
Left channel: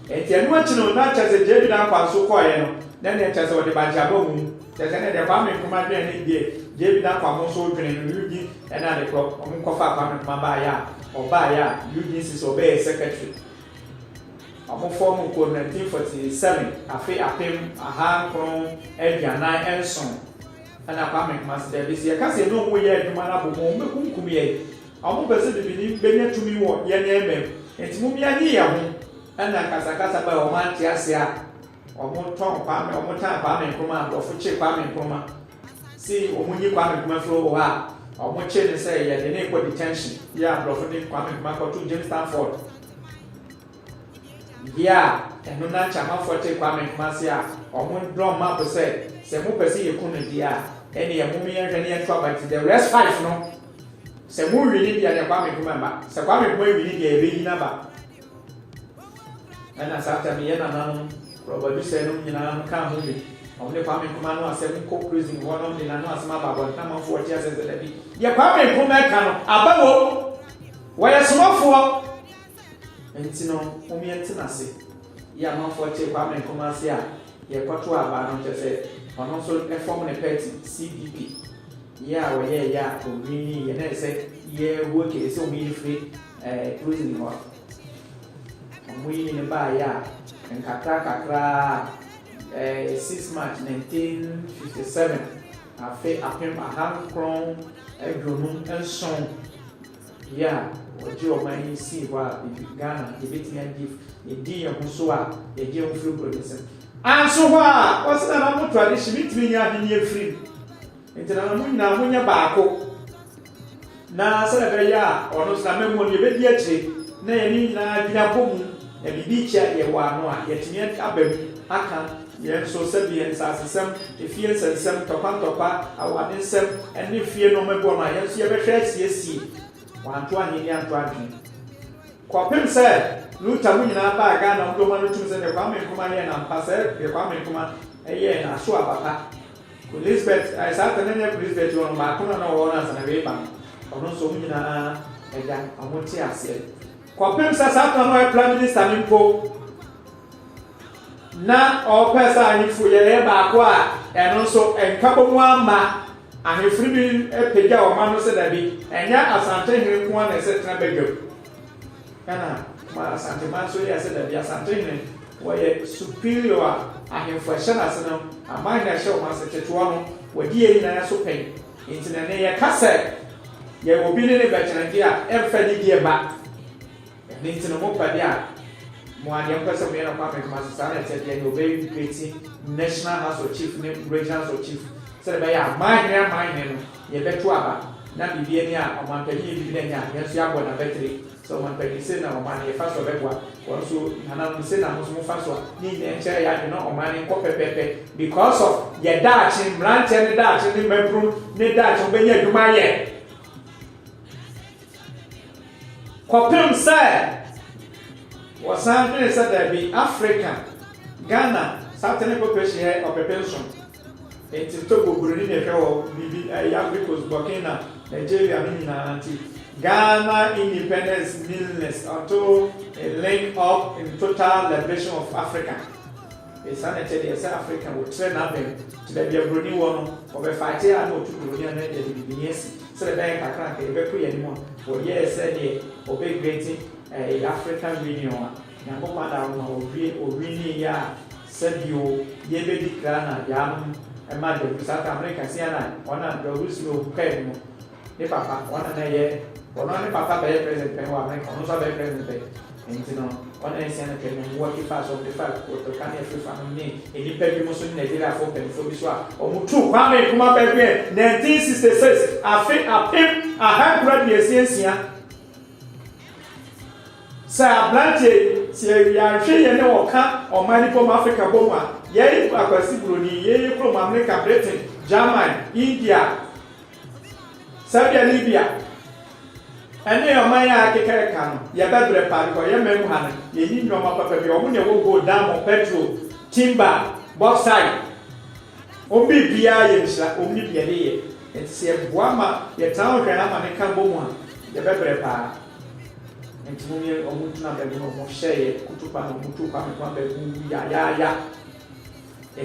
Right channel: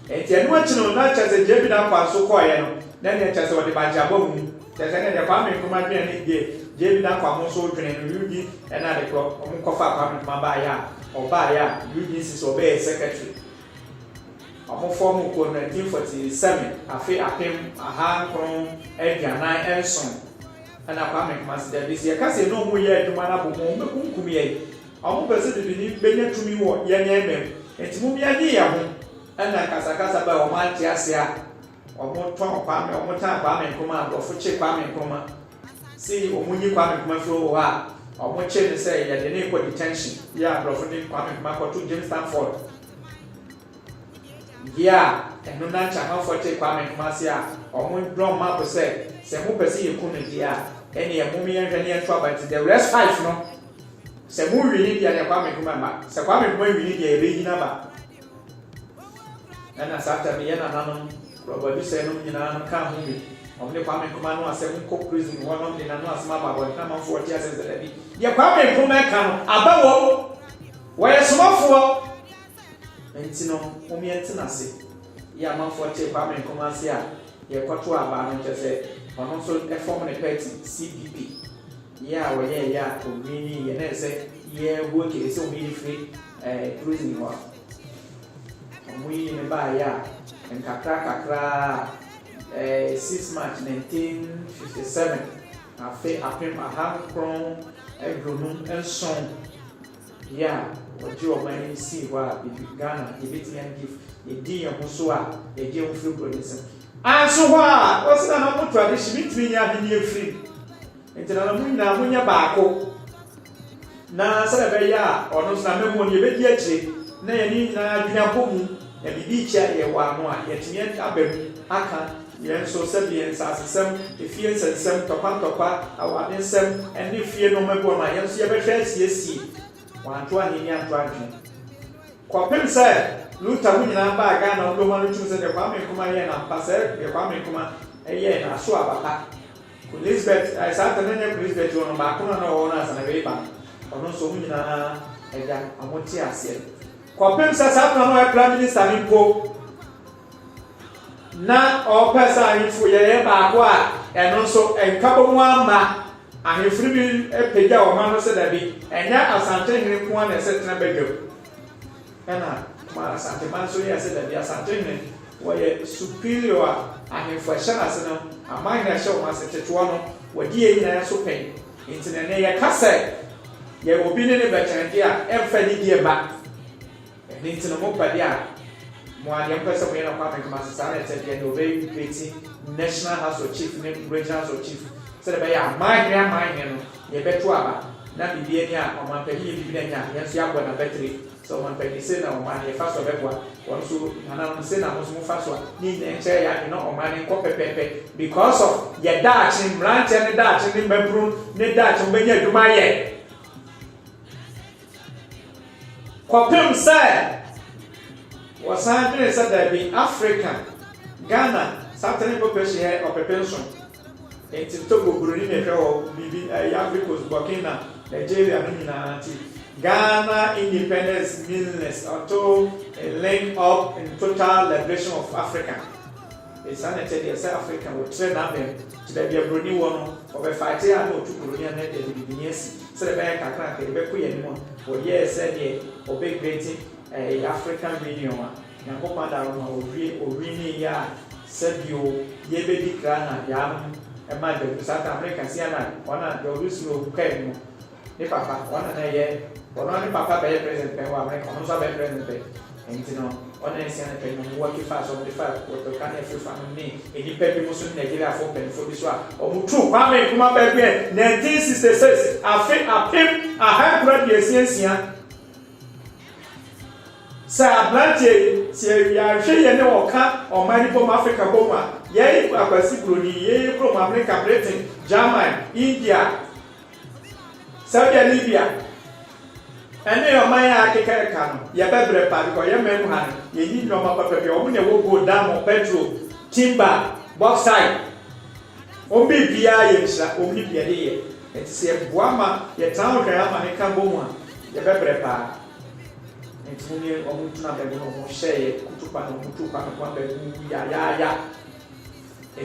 enti enu achino na chese David akwa so koye no na ne chese ode bajabo mu chese ne de Kwame Nkrumah bi ne die David akwa mo so dwene no yugi na de ko omkofa Kwame Nkrumah ba ya oba ya yugi si so be secretary omo form ko 1947 afi apem ahankron aduanan enson ana Kwame Nkrumah se de se ka se no mo ye adwuma na bo mo mekunkum ye omo pese de bi benya tumi wo ye ne emem enti mo bia ni ya ho ana kasakasa ba o man ti ase a omo ton Kwame omo tan Kwame Nkrumah ofo che Kwame Nkrumah si omo nyi Kwame Nkrumah fro wo ha omo che ne se ye de ne ko detention ya ofo ni Kwame Nkrumah ko to James Stanford ya eno na chama forte Kwame Nkrumah se a omo drum map se mo pese ye ku ne dia ene ye mo mi enhwe ne ento abati the rest 5 no se mo wi ni dia ne Kwame Nkrumah ba se Kwame Nkrumah wi ni dia ebe yi na ba na sata me yana nanu robadu se no nyina kan ho bi omle Kwame Nkrumah no asem ko prison ho no de na no asema ba bo na ma fo ti asese da bi ye Kwame Nkrumah ka no abawo wo ye somafo enti no omi enti na se ye ma fo ti Kwame Nkrumah se a ye kwato aba no tese ono so e form ne party CPP ya wo ye ya omi ye na se ye wo ke se omi free prison ho Mui ne ba ya kakra 6 March 1957 afe apem ahankron edronum enson ya oji omani si wa Ghana ebetime give edi yehuso a edi enfri producer anso ho a osina na mo tradition mitimi nya hini efri entena na munna munya baako na sele ya ono sa memo ne bedi achi na yeni na dina bomu ya bibi cha ye wa no a yetime abam aka ye so sabi en sasesem efie sensem topa awade sem ene fie no mebo na ye so ye behwe asiesie wanto ani ni anto adwen kwapem se luta mu nyina ba ga na ndo ma no tumse de Kwame Nkrumah ye na mpase ye Kwame Nkrumah ye na so abaka Elizabeth I said na Elizabeth won ba kono na wo na sana be ba ono so mu nyina ega amoti ase kwapem se sa na prime minister mpo na o pesa ahifu ye ba ko a eno so enkabo mu ama ahifuri bi epega o ma no se da bi enya asante hiri ko na se tena begam kana ma asante man so ya se da bi asante hiri wo ye superior ahifu ahana se no ama na hye o ma se tetuo no wodi ye nyina so pen intina ne ye kase ye obi ne bechange a emfa ni die ba intina mo pa dia mo ade mpese mo na Kwame Nkrumah sana te no be peti National House of Chief ne Regional House of Chief se be ya mine no ye betu aba na bibie ni a omanpani bibie nya yanso ya bo na betri so omanpani se na oman ye faso begwa wonso hana se na mo faso ni ne nche ya no oman ko pepepe because of ye dachi branch ne dachi ni membru ne dachi be nya duma ye kwapem sai wasan ne se da bi Africa Ghana Southern population here of pension enti Togo Burundi ne fe o bibi Ivory Coast Burkina Nigeria ni na anti Ghana independence meaningless until a link up in total liberation of Africa. It's an Africa will train up to the Burundi one of a fight here no to Burundi and the beginnings. So the bank account can be put anymore. For years said ye or big getting a African Union. Now go down or really ya said you ye baby Ghana yam and Madam South America Siena on a Jerusalem came. Ne papa wana na ye ona ne papa be president pe wa America ono so be president enti no ona ese na pe no work fast of the fact to kan e fi family ni pe bi mo so Nigeria for pe for bi so a o mu tu Kwame Nkrumah pe bi 1966 afi apem a high grade yesia sa blante se ya hwe ye ne oka o mani from Africa bomwa ye akwasi broni ye from America Britain Germany India Saudi Arabia ene yo man ya kekere ka no ye bebre pa ko ye mem ha ye yi no ma papa bi o mu ne wo go dam petrol timber bauxite o bi bia ye nsa o mi bia ye etse boama ye tan hwe ama ne ka bomu a ye bebre pa Entini omuntu na begu no mo share kutupa no mutupa no kwa begu ya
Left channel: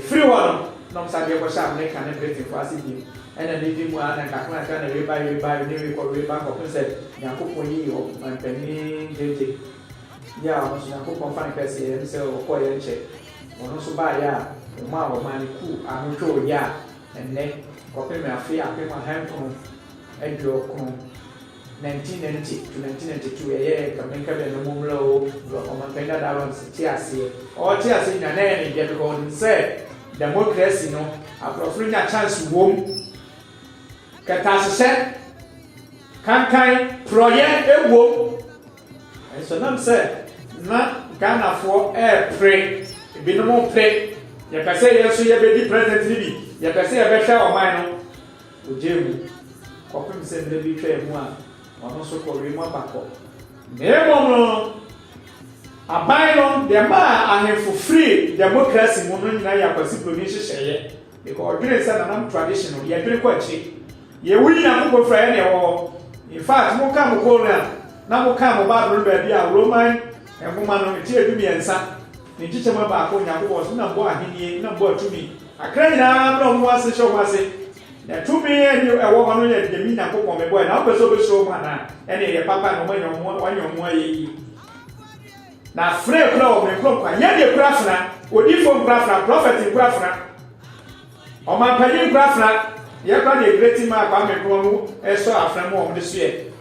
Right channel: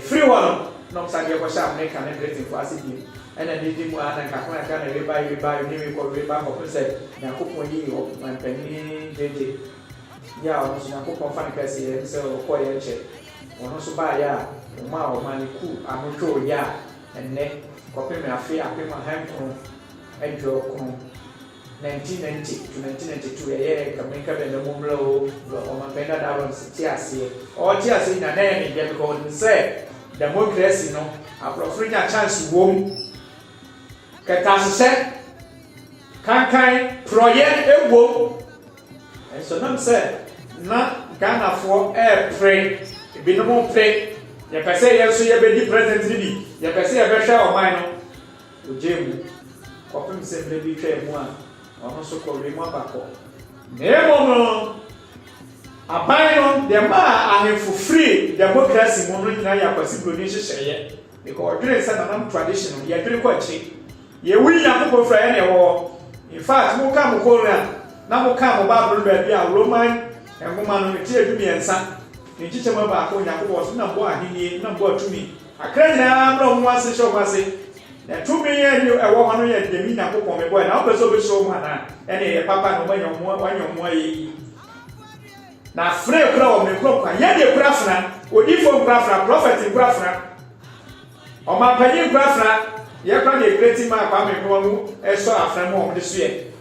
free one no msage ko sha America na great for asibi ena ndi mu ana ka kuna kana reba ni ko reba ko pese na ko poni o mpani gete ya o so na ko fan pese ye se o ko ye che ono so ba ya o ma ni ku amoto ya enne ko pe me afi ape ma han ko edo ko 1990 to 1992 ye Jamaica be no mumlo o ma kenda dawo si ase o ti ase na na ni get ko ni say democracy no aprofri na chance wom katasese kankan project ewo so nam say na Ghana for pray binom pray ya pese ye so ye be di president bi ya pese ye be hwa o man no ojemu kopim se be bi hwa mu a ono so ko remo abako nemo no abayon de ma ahefu free democracy mo no nyina ya kwasi produce hye because odire say na nam tradition ye dire ko chi ye wuri na ko fra ye ne wo in fact mo ka mo ko na mo ka mo bible ba bia Roman enguma no ti edu miensa ni chiche mo ba ko nya ko so na mbo ahini na mbo atumi akra nyina bro mo ase show mo ase na tumi ye ni ewo ho no ye de mi nya ko mo me boy na o so be show mo na ene ye papa no wanyo mo ye na free kura o me kura nya de kura fna odi fo kura fna prophet kura fna o ma padi kura fna ye kura de great man kwa me kura no e so afna mo o de so ye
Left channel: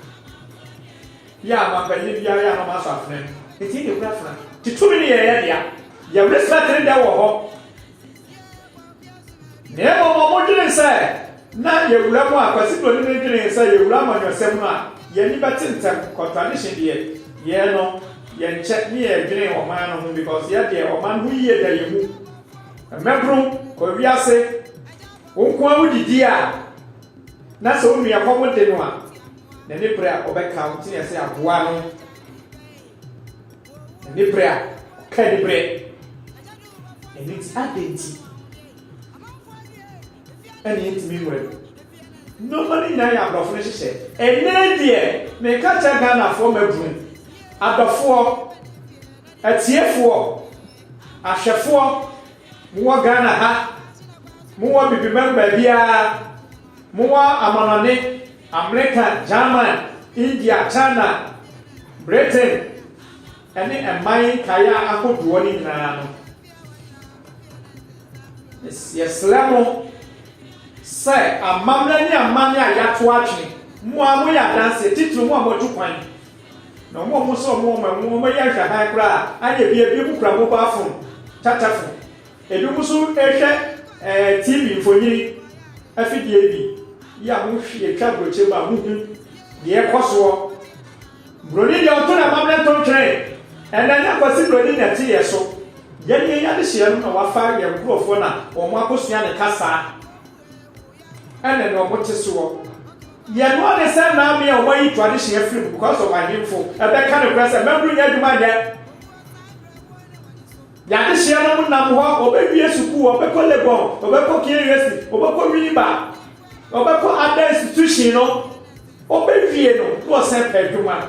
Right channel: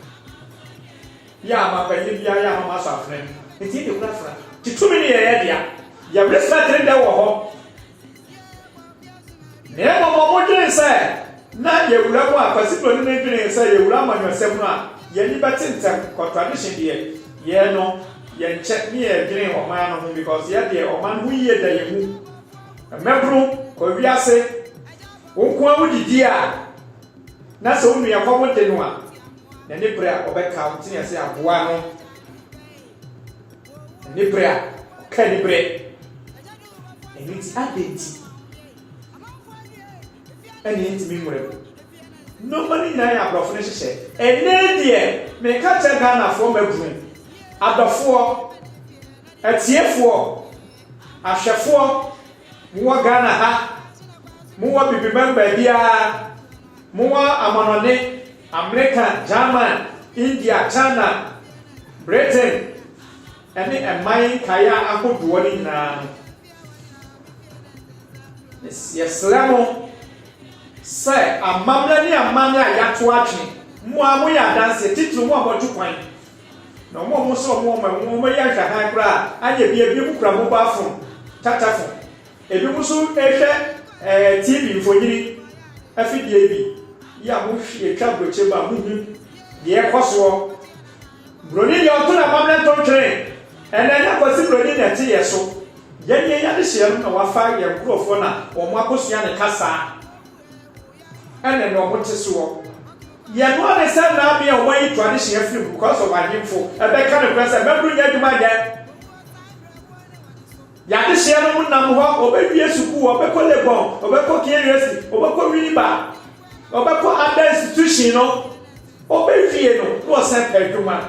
ya ma padi bia ya no ma so afna eti de kura fna titumi ni ye dia ya respect da wo ho ne mo dwen say na ye wura mo akwasi pro ni dwen say ye wura mo nyosem no a ye ni betentem contradiction de ye no ye check ni ye dwen o man no because ye de o man hu ye da ye mu mebru ko wiase wo ko awu didi a na so nu ya ko mo de no a na ni pra obeka uti ne say aboa no ni pra ka ni bre and it's identity and it's memory nobody na ya bro finish say ene de me ka che Ghana for mebru adofo atiefo ahwefo mo Ghana ha mo bibi member bia mo amonone America, German, India, China, Britain and my kaya akoduo ni na no yes lemo say amamna ni amamna ayato atwe mo amoya dance titru mo amoju kwan no mo so mo ya hwa han kra anye bi mu kra mo ba fun tatafun ebi mu so ehwe TV mfonyiri afidie bi ya mo hwie twa broche ba muhu ye koso broni ya to na amamna ton train and then I was really at so. Yet, you understand our fire and grow for now, or Marcosian and Cassa. And then what is so. Yet, one is now be away tradition free because of my info. A back kind of person, remember yet to my dad. Yadishan number one, or baby, yes, who or Beko Lebon, or Beko Curious, or Beko Riba, or Beko other institution, or baby, was sent per human.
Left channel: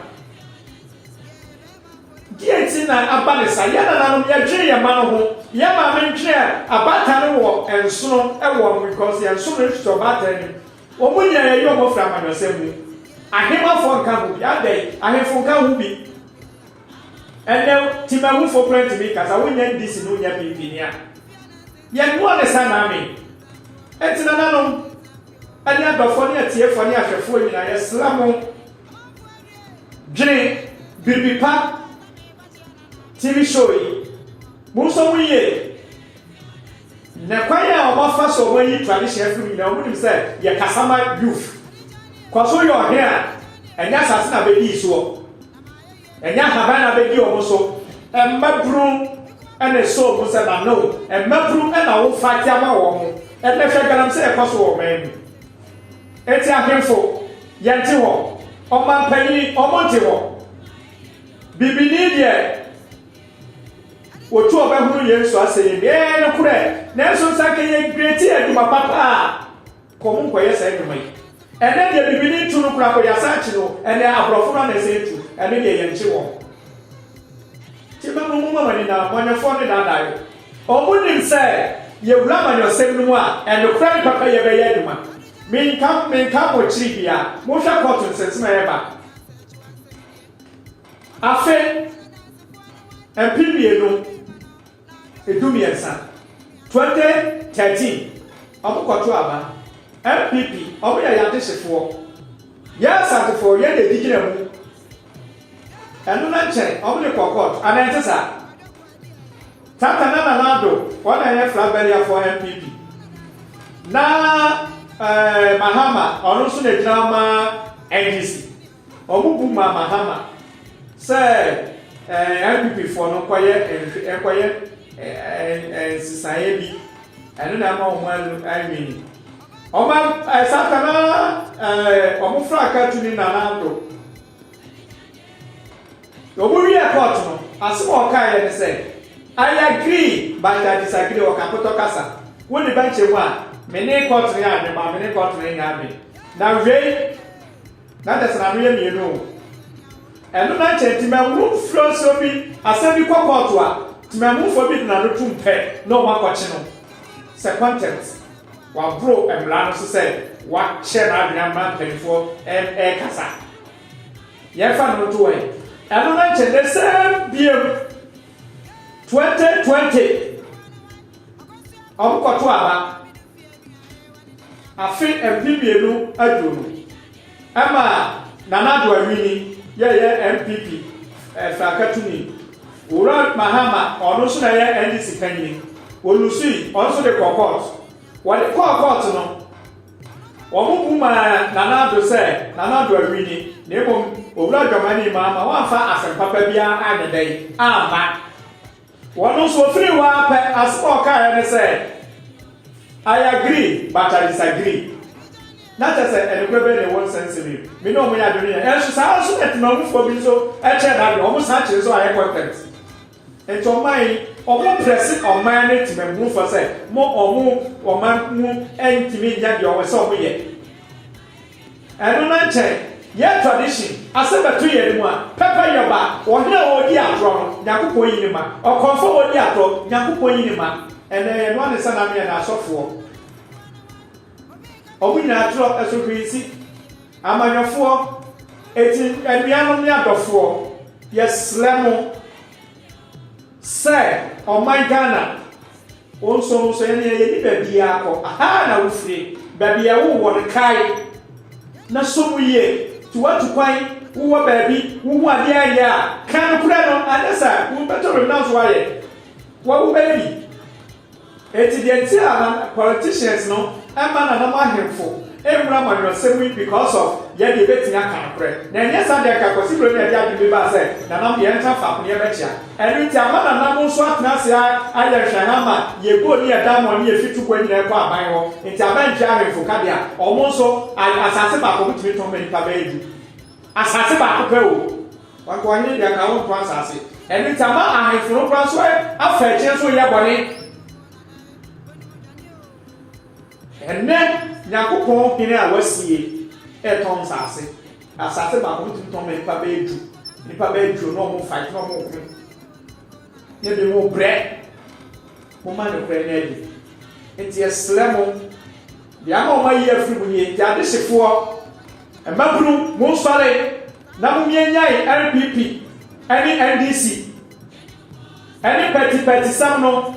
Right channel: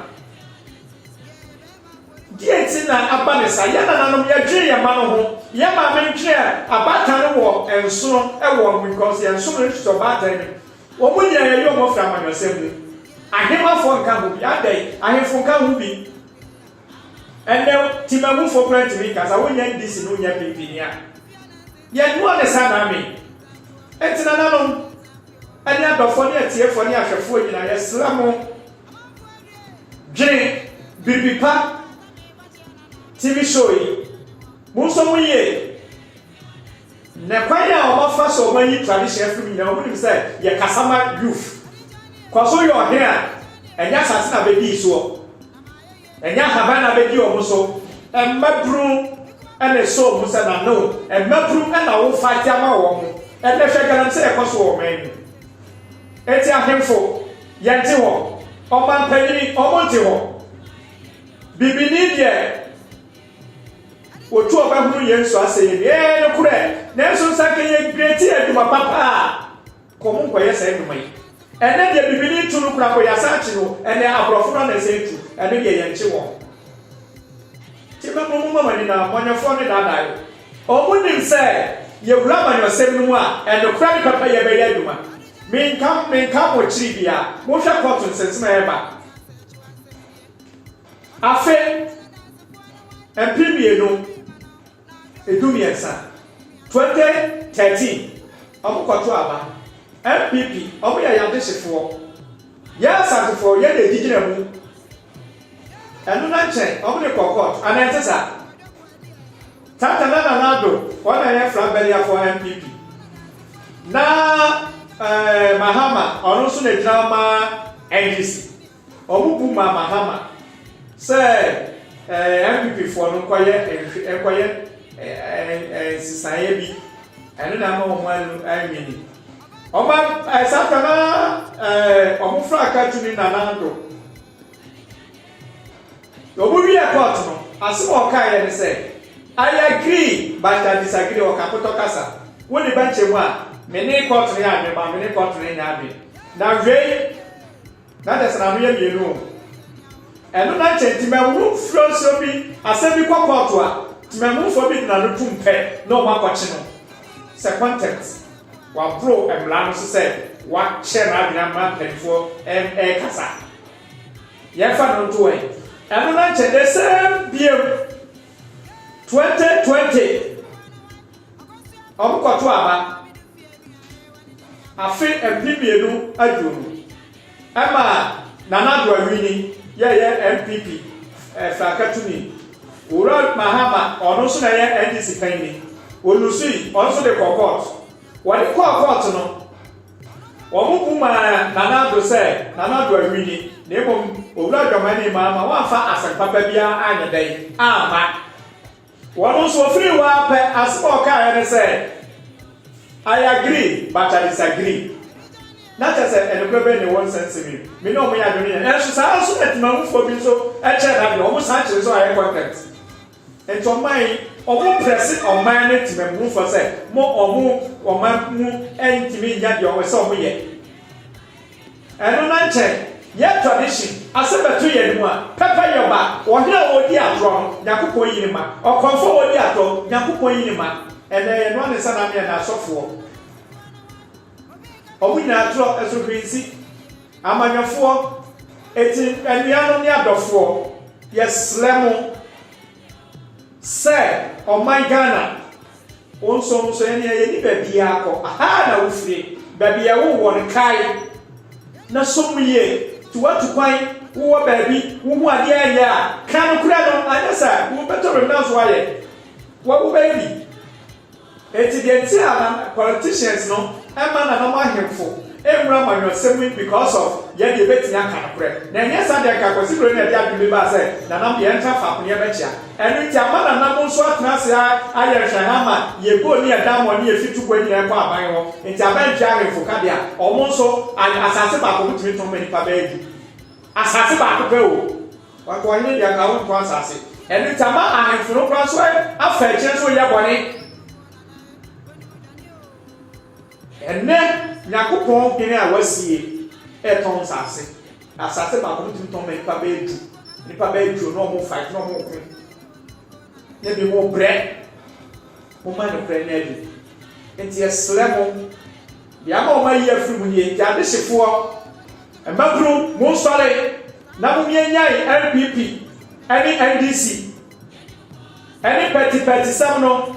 Yeti na abanesa yana nanom ya dwe ya ma ho ya ma mentwe abata no wo enso e wo because enso no to abata ni wo munya ya yo mo fra manwasem ni ahema fo nka ho ya dai ahemfo nka ho bi ene timamu fo plant ni kasa wonya ndisi no nya bibi ya ya no ne sana me etina nanom ani adofo ne atiefo ne ahwefo nyina ya slamo dwe bibipa TV show yi muso muye na kwanya o mafa so man yi tradition film na o nim say ye kasama youth kwaso yo here enya sase na be di so enya haba na be di o so embadru ene so bu say na no embadru na wo fight ama wo mo ene hwe garam say kwaso wo man eti ahemfo yente wo o man panini o monte wo bibini de otu oba hunu yenso aseye ye ne kure na enso sake ye greti eduma papa komun koye sai eduma yi ene de bibini tunu kura ko ya sachi no ene abrofo na se tu ɛno yɛ yɛn kye wɔn ti mɛmo mo mama ni na mɔnyɛfoɔ ne daadaa yɛ ɔmo nim sɛ yɛwura amanyɔsɛm no mu a ɛnokora ne papa yɛbɛyɛ adwuma menka mo kyiri bia mohwɛ kɔɔto nsɛnsɛm a yɛba afe mpimienu edumiɛnsa 2013 ɔmo kɔto aba MPP ɔmo yɛ yadehyefoɔ yɛ asantefoɔ yɛ de gyina mu ɛno na nkyɛn ɔmo de kɔ kɔɔto anante saa tata na nanado wɔn na yɛ frabɛriafoɔ MPP na Mahama ɔno nso na gyina ma NDC ɔmo bu ma Mahama sɛ MPP foɔ no nkɔyɛ nsisaeɛ bi ɛno na ama ɔmo anwini ɔmo satana ɔmo fra aka tumi nanado ɔmo wiɛ kɔɔto no asɛm a ɔkaeɛ ne sɛ I agree but I disagree ɔkakotɔ kasa wone bɛnkyɛ mu a mene kɔɔto yɛ adwema mene kɔɔto yɛ nya adwe na wei na dɛ sɛ na meyɛ mmienu ɛno na nkyɛn timamu furo so bi asɛm bi kɔ kɔɔto a timamufoɔ bi dena no tum pɛ na ɔmo akɔkye no sɛ content waboro mmara no so sɛ wakyɛ n'adwene ama mpanimfoɔ ɛkasa yɛfa no to wɔn ɛno na nkyɛn dɛ sɛ biem 2020 ɔmo kɔto aba afe mpimienu aduonu ɛma nanado awini yɛyɛ MPP Fakatuni Ura Mahama ɔno nso na yɛ NDC panyin Olusui ɔno nso de kɔ court wɔde kɔ court no wɔn bu ma nanado sɛ nanado awini na emu owura dwamani ma wɔafa asɛmpapa biara anyɛ dɛn ama wɔn nso ofiri hɔ apɛ asɛm a ɔkaeɛ ne sɛ I agree but I disagree na kyɛ sɛ ɛnokora bɛyɛ ne wɔn nsɛnsɛm me ne ɔmo yɛ adwene yɛ ɛnso saa nso na timamufoɔ bi nso ɛkyɛ n'adwene ɔmo saa kyerɛ so ayɛ content nti ɔman ɔmo prɛse ɔman ne timamufoɔ sɛ mo ɔman mu ɛntumi nya deɛ ɔmo sɛ ɔmo yɛ ɛno na nkyɛn yɛ tradition asɛ bɛto yɛ mu a pɛpɛ yɛ ba ɔhene a wɔdi atorɔ no Nyankopɔn yi ne ma ɔkɔmfo a wɔdi atorɔ Nyankopɔn yi ne ma ɛnɛ yɛ no ne sɛ na ne na asɔfoɔ ɔmo nyinaa torɔ ɛsofirisi amanyɔfoɔ eti anuanom ne adɔfoɔ yɛsrɛ mo sɛ ɔman Ghana wɔn nso yɛne yɛni baabi akɔ aha na wofiri baabi ɛwo wɔ no kae na so mu yie tuwatu kwan wowɔ baabi wohu adeɛ ayɛ a kan kura no anyɛ sɛ wobɛtɔ no na so ayɛ wɔwo baabi eti deɛ nti a politicians no ɛma na nam ahemfo ewura manyɔsɛm yi because of yɛde ebɛtumi aka nokorɛ na ɛnyɛ sa deɛ kakɔsi buro ne ɛde adwene ba sɛ nanam yɛn nta fa ko ne yɛbɛkyia ɛno nti ama nanam nso atena ase ayɛ nhwɛha ma yɛbɔ ne yɛda ma ɔne yɛfi tukɔ nyinaa kɔ aban hɔ nti abɛntwe ahemfo ka deɛ ɔmo nso asase baako bitumi tɔn ma nipa bɛyɛ du asase baako pɛ o wakɔ ɔnye deɛ ka wo ntɔ asase ɛno nti ama ahemfo no kora so afa akyire so yɛ bɔne ɛnɛ Nyankopɔn kene a wasie ɛtɔn asase baako tumi tɔn ma nipa bɛyɛ du na ɔmo fight na ɔmo ko ne bi mo brɛ mo ma ne brɛ ne adi nti ɛsrɛ mo deɛ ama ɔmo ayi afiri mu nie nti adehyefoɔ mmabunu mo nsɔre na mo mienyae MPP ɛne NDC ɛne pɛtipɛti sam no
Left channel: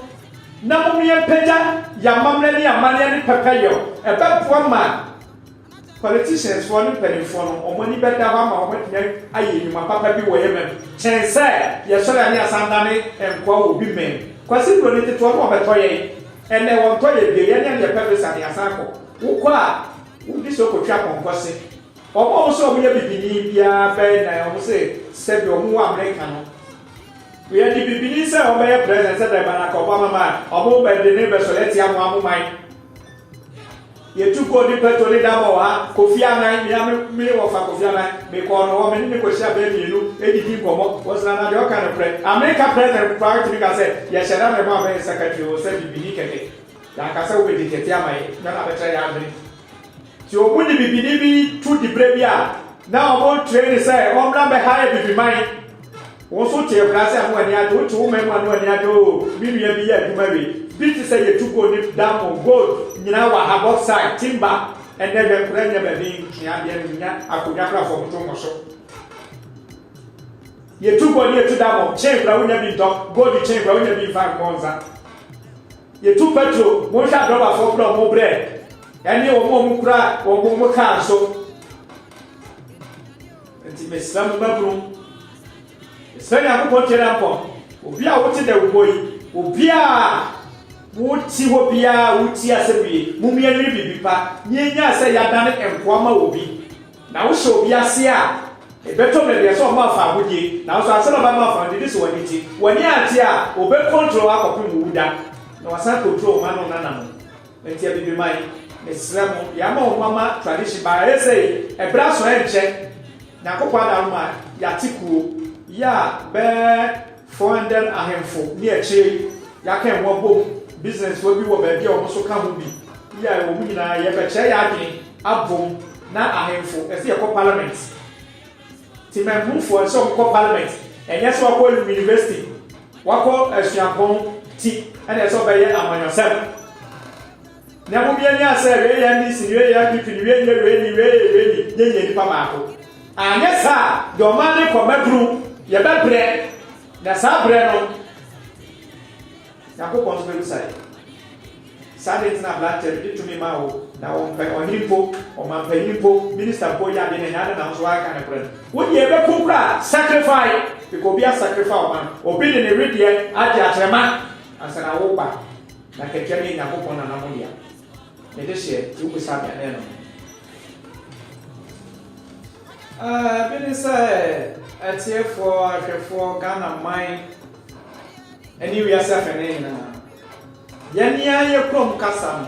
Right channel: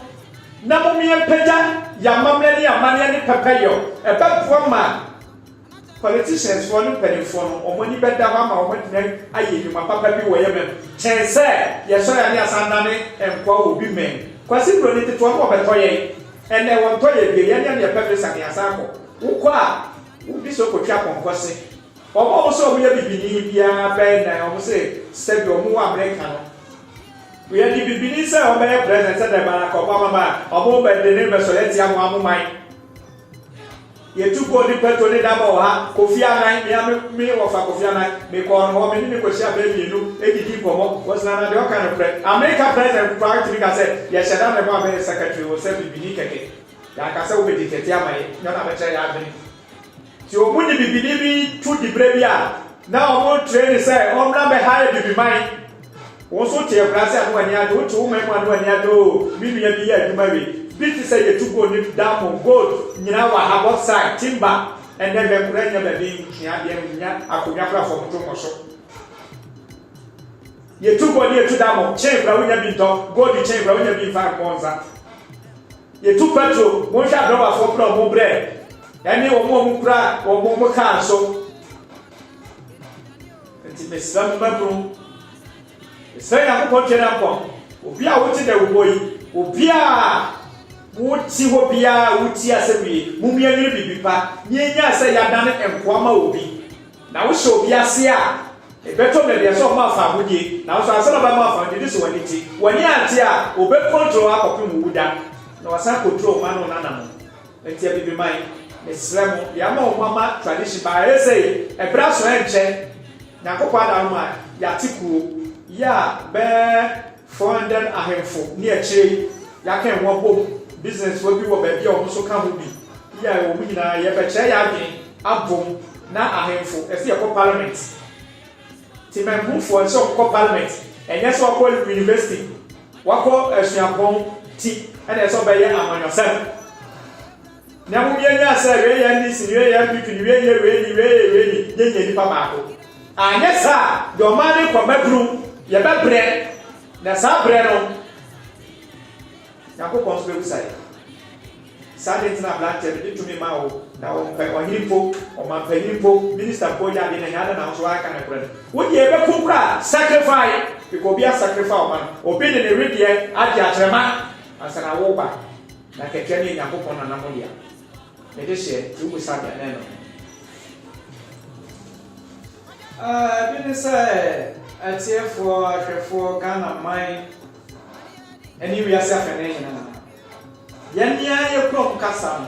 na mo mienpagya yamamna ne amane ne pɛpɛyɔ ɛbɛboa ma politicians for no mpanimfoɔ no ɔmo ni bɛda hɔ ama ɔmo tena ayɛ nnwuma papa bi wɔ yɛmɛm kyɛn sɛ yɛsɔre ane asandane nkɔa wɔ bi mɛn kwasi buro ne tetoɔ no ɔbɛtɔ yɛn ɛnɛ wɔntɔ yɛ bie yɛne adeɛ pɛpɛ sane asan kɔ wokɔ a wodi sɛ ɔkɔtwa pɔnkɔ se ɔmo sɛ ɔmo yɛ bibini biara bɛyɛ na ɔmo sɛ sɛbi ɔmo wɔ Amerika no yɛde bibini sɛ ɔbɛyɛ president sɛ dɛma na kɔbɔ amama ɔmo bɛde ne bɛsɔre tia mo amoman yɛtu kɔ di petro ne dabɔ wɔ ha Kofi Annan me wɔfa Kofi Annan mekɔɔ no hɔ mene ne kɔhyia bɛɛ mmienu ɛdidi nkɔmmɔ wɔsena na deɛ ɔka no prɛ Amerika president kora tumi ka sɛ yɛhyɛ da ne ho abɛyɛ secretary wɔ sɛ bibini kɛkɛ yɛaka sɛ wobɛdi kɛte ama yɛ nyɛ na bɛkyerɛ yɛ adwene nti ɔmo ne bibini bi tu di berɛ bi a Now I want train say on number high to be mine. Also tell class when you do 2 men when you do maybe a year to marry. Bit say you took on down on gold, you know I have outside timber and then the brain of the being I could never from Tomoso. You took on you to down change when you be dog, go to change when you be 5 months. You took petrol, one shot rubber for more bread. And you won't cry or more car so. Meslam babrum sɛ yakopɔ kyerɛ mpɔ obi a wote da wobɔ yi obi a woti hɔ bia woti asɛwie mumia ne bibi pa nyenya sɛ yadane enkoa ma obi na wo hyɛ obi ase a ebeto ble de so ma fa hodie na wo asɛ ba ma fa de so wani ti wani ate a obe control akɔpem wuda na wasan control ma no nana no enti bibi mai meslam ya ma o mama tradition ba resei ebra so enche Nakopa Dama, Yatiku, ya bear 400 ahemfo, near Che, Yakan Wabo, business will be what baby also come be. Ya, Womina, Yabacha Yadi, Abum, na ahemfo, as the parliament. Tim move for some parliament, and yes, what call university. What call as Yapon tea, and as obey among yourself. Now, we are saying, this is really, Papa. And yes, sir, your money for bedroom, your bed bread, that's our bread on. Now, go on to the side. Sunday is not black, to me, Mao, now on info, or my info, Minister Poya in another house, why can I pray? Would you ever cook sacrifice? Because be a sacrifice, man, or be in the radio, I just remark, and said I walk back. Like a candy and hope on an ammonia. It is here, you will start an enemy. Say, I tear for Ghana mine, and you yourself an enemy. Yanya, you come, Cassam.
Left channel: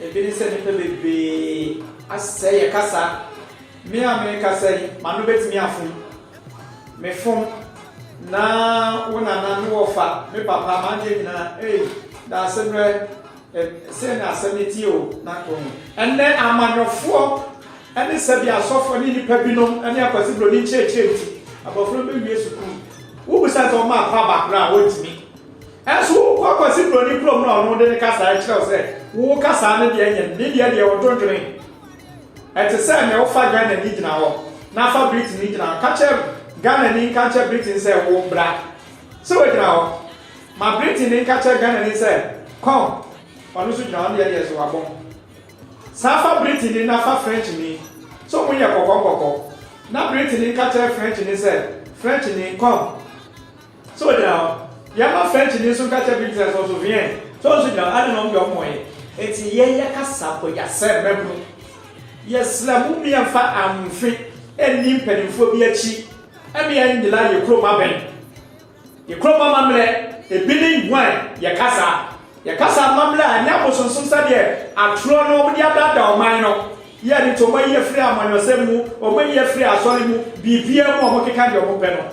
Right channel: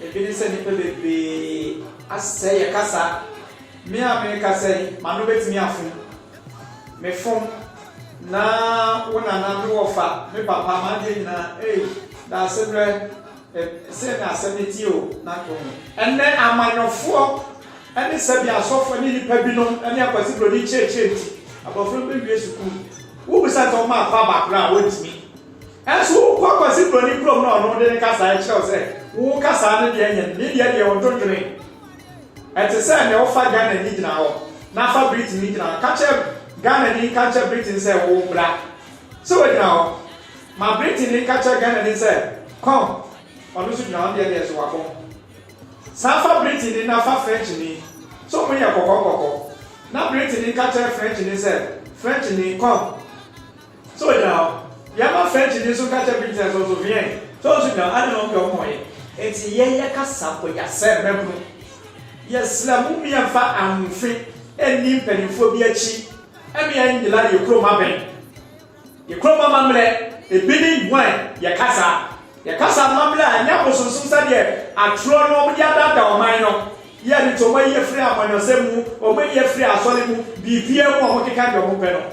If it is anything, be I say a cassa, me, I make a say, Manubet me a phone. Me phone now, one and offer, me papa, Manjina, that's a very send us a meteor, not only. And then I'm on your four. And they said, I saw for me, Pebino, and you are possible in church, about 3 years ago. Who was at on my background with me? As who was it when you come on the Casa, I shall say, who Casa, the Indian, media, or don't drink. At the same, they offer Ghana need now. Nafa Britain need now. Catch up Ghana in catch up Britain, say, oh, black. So now, my Britain in catch up Ghana and say, come, on the Sudan, the others who are born. Safa Britain in Nafa French in so many are Coco. Now Britain in catcher French in said, French in come. So now, Yama French in so catcher Britain also Vienna. So now, I don't know your point. It's a year Cassapo, yourself, member. Yes, Lamumi and Fat and Fit, and Nimpen phobia cheap. And me and the line you chroma ben. You chroma mamre, a bidding wine, Yakasa. Yakasa Mamla and Yaposon Sunsadia, and throw nobody about minor. Yet to way free among yourself, or when you're free as well, be PM or what can your open.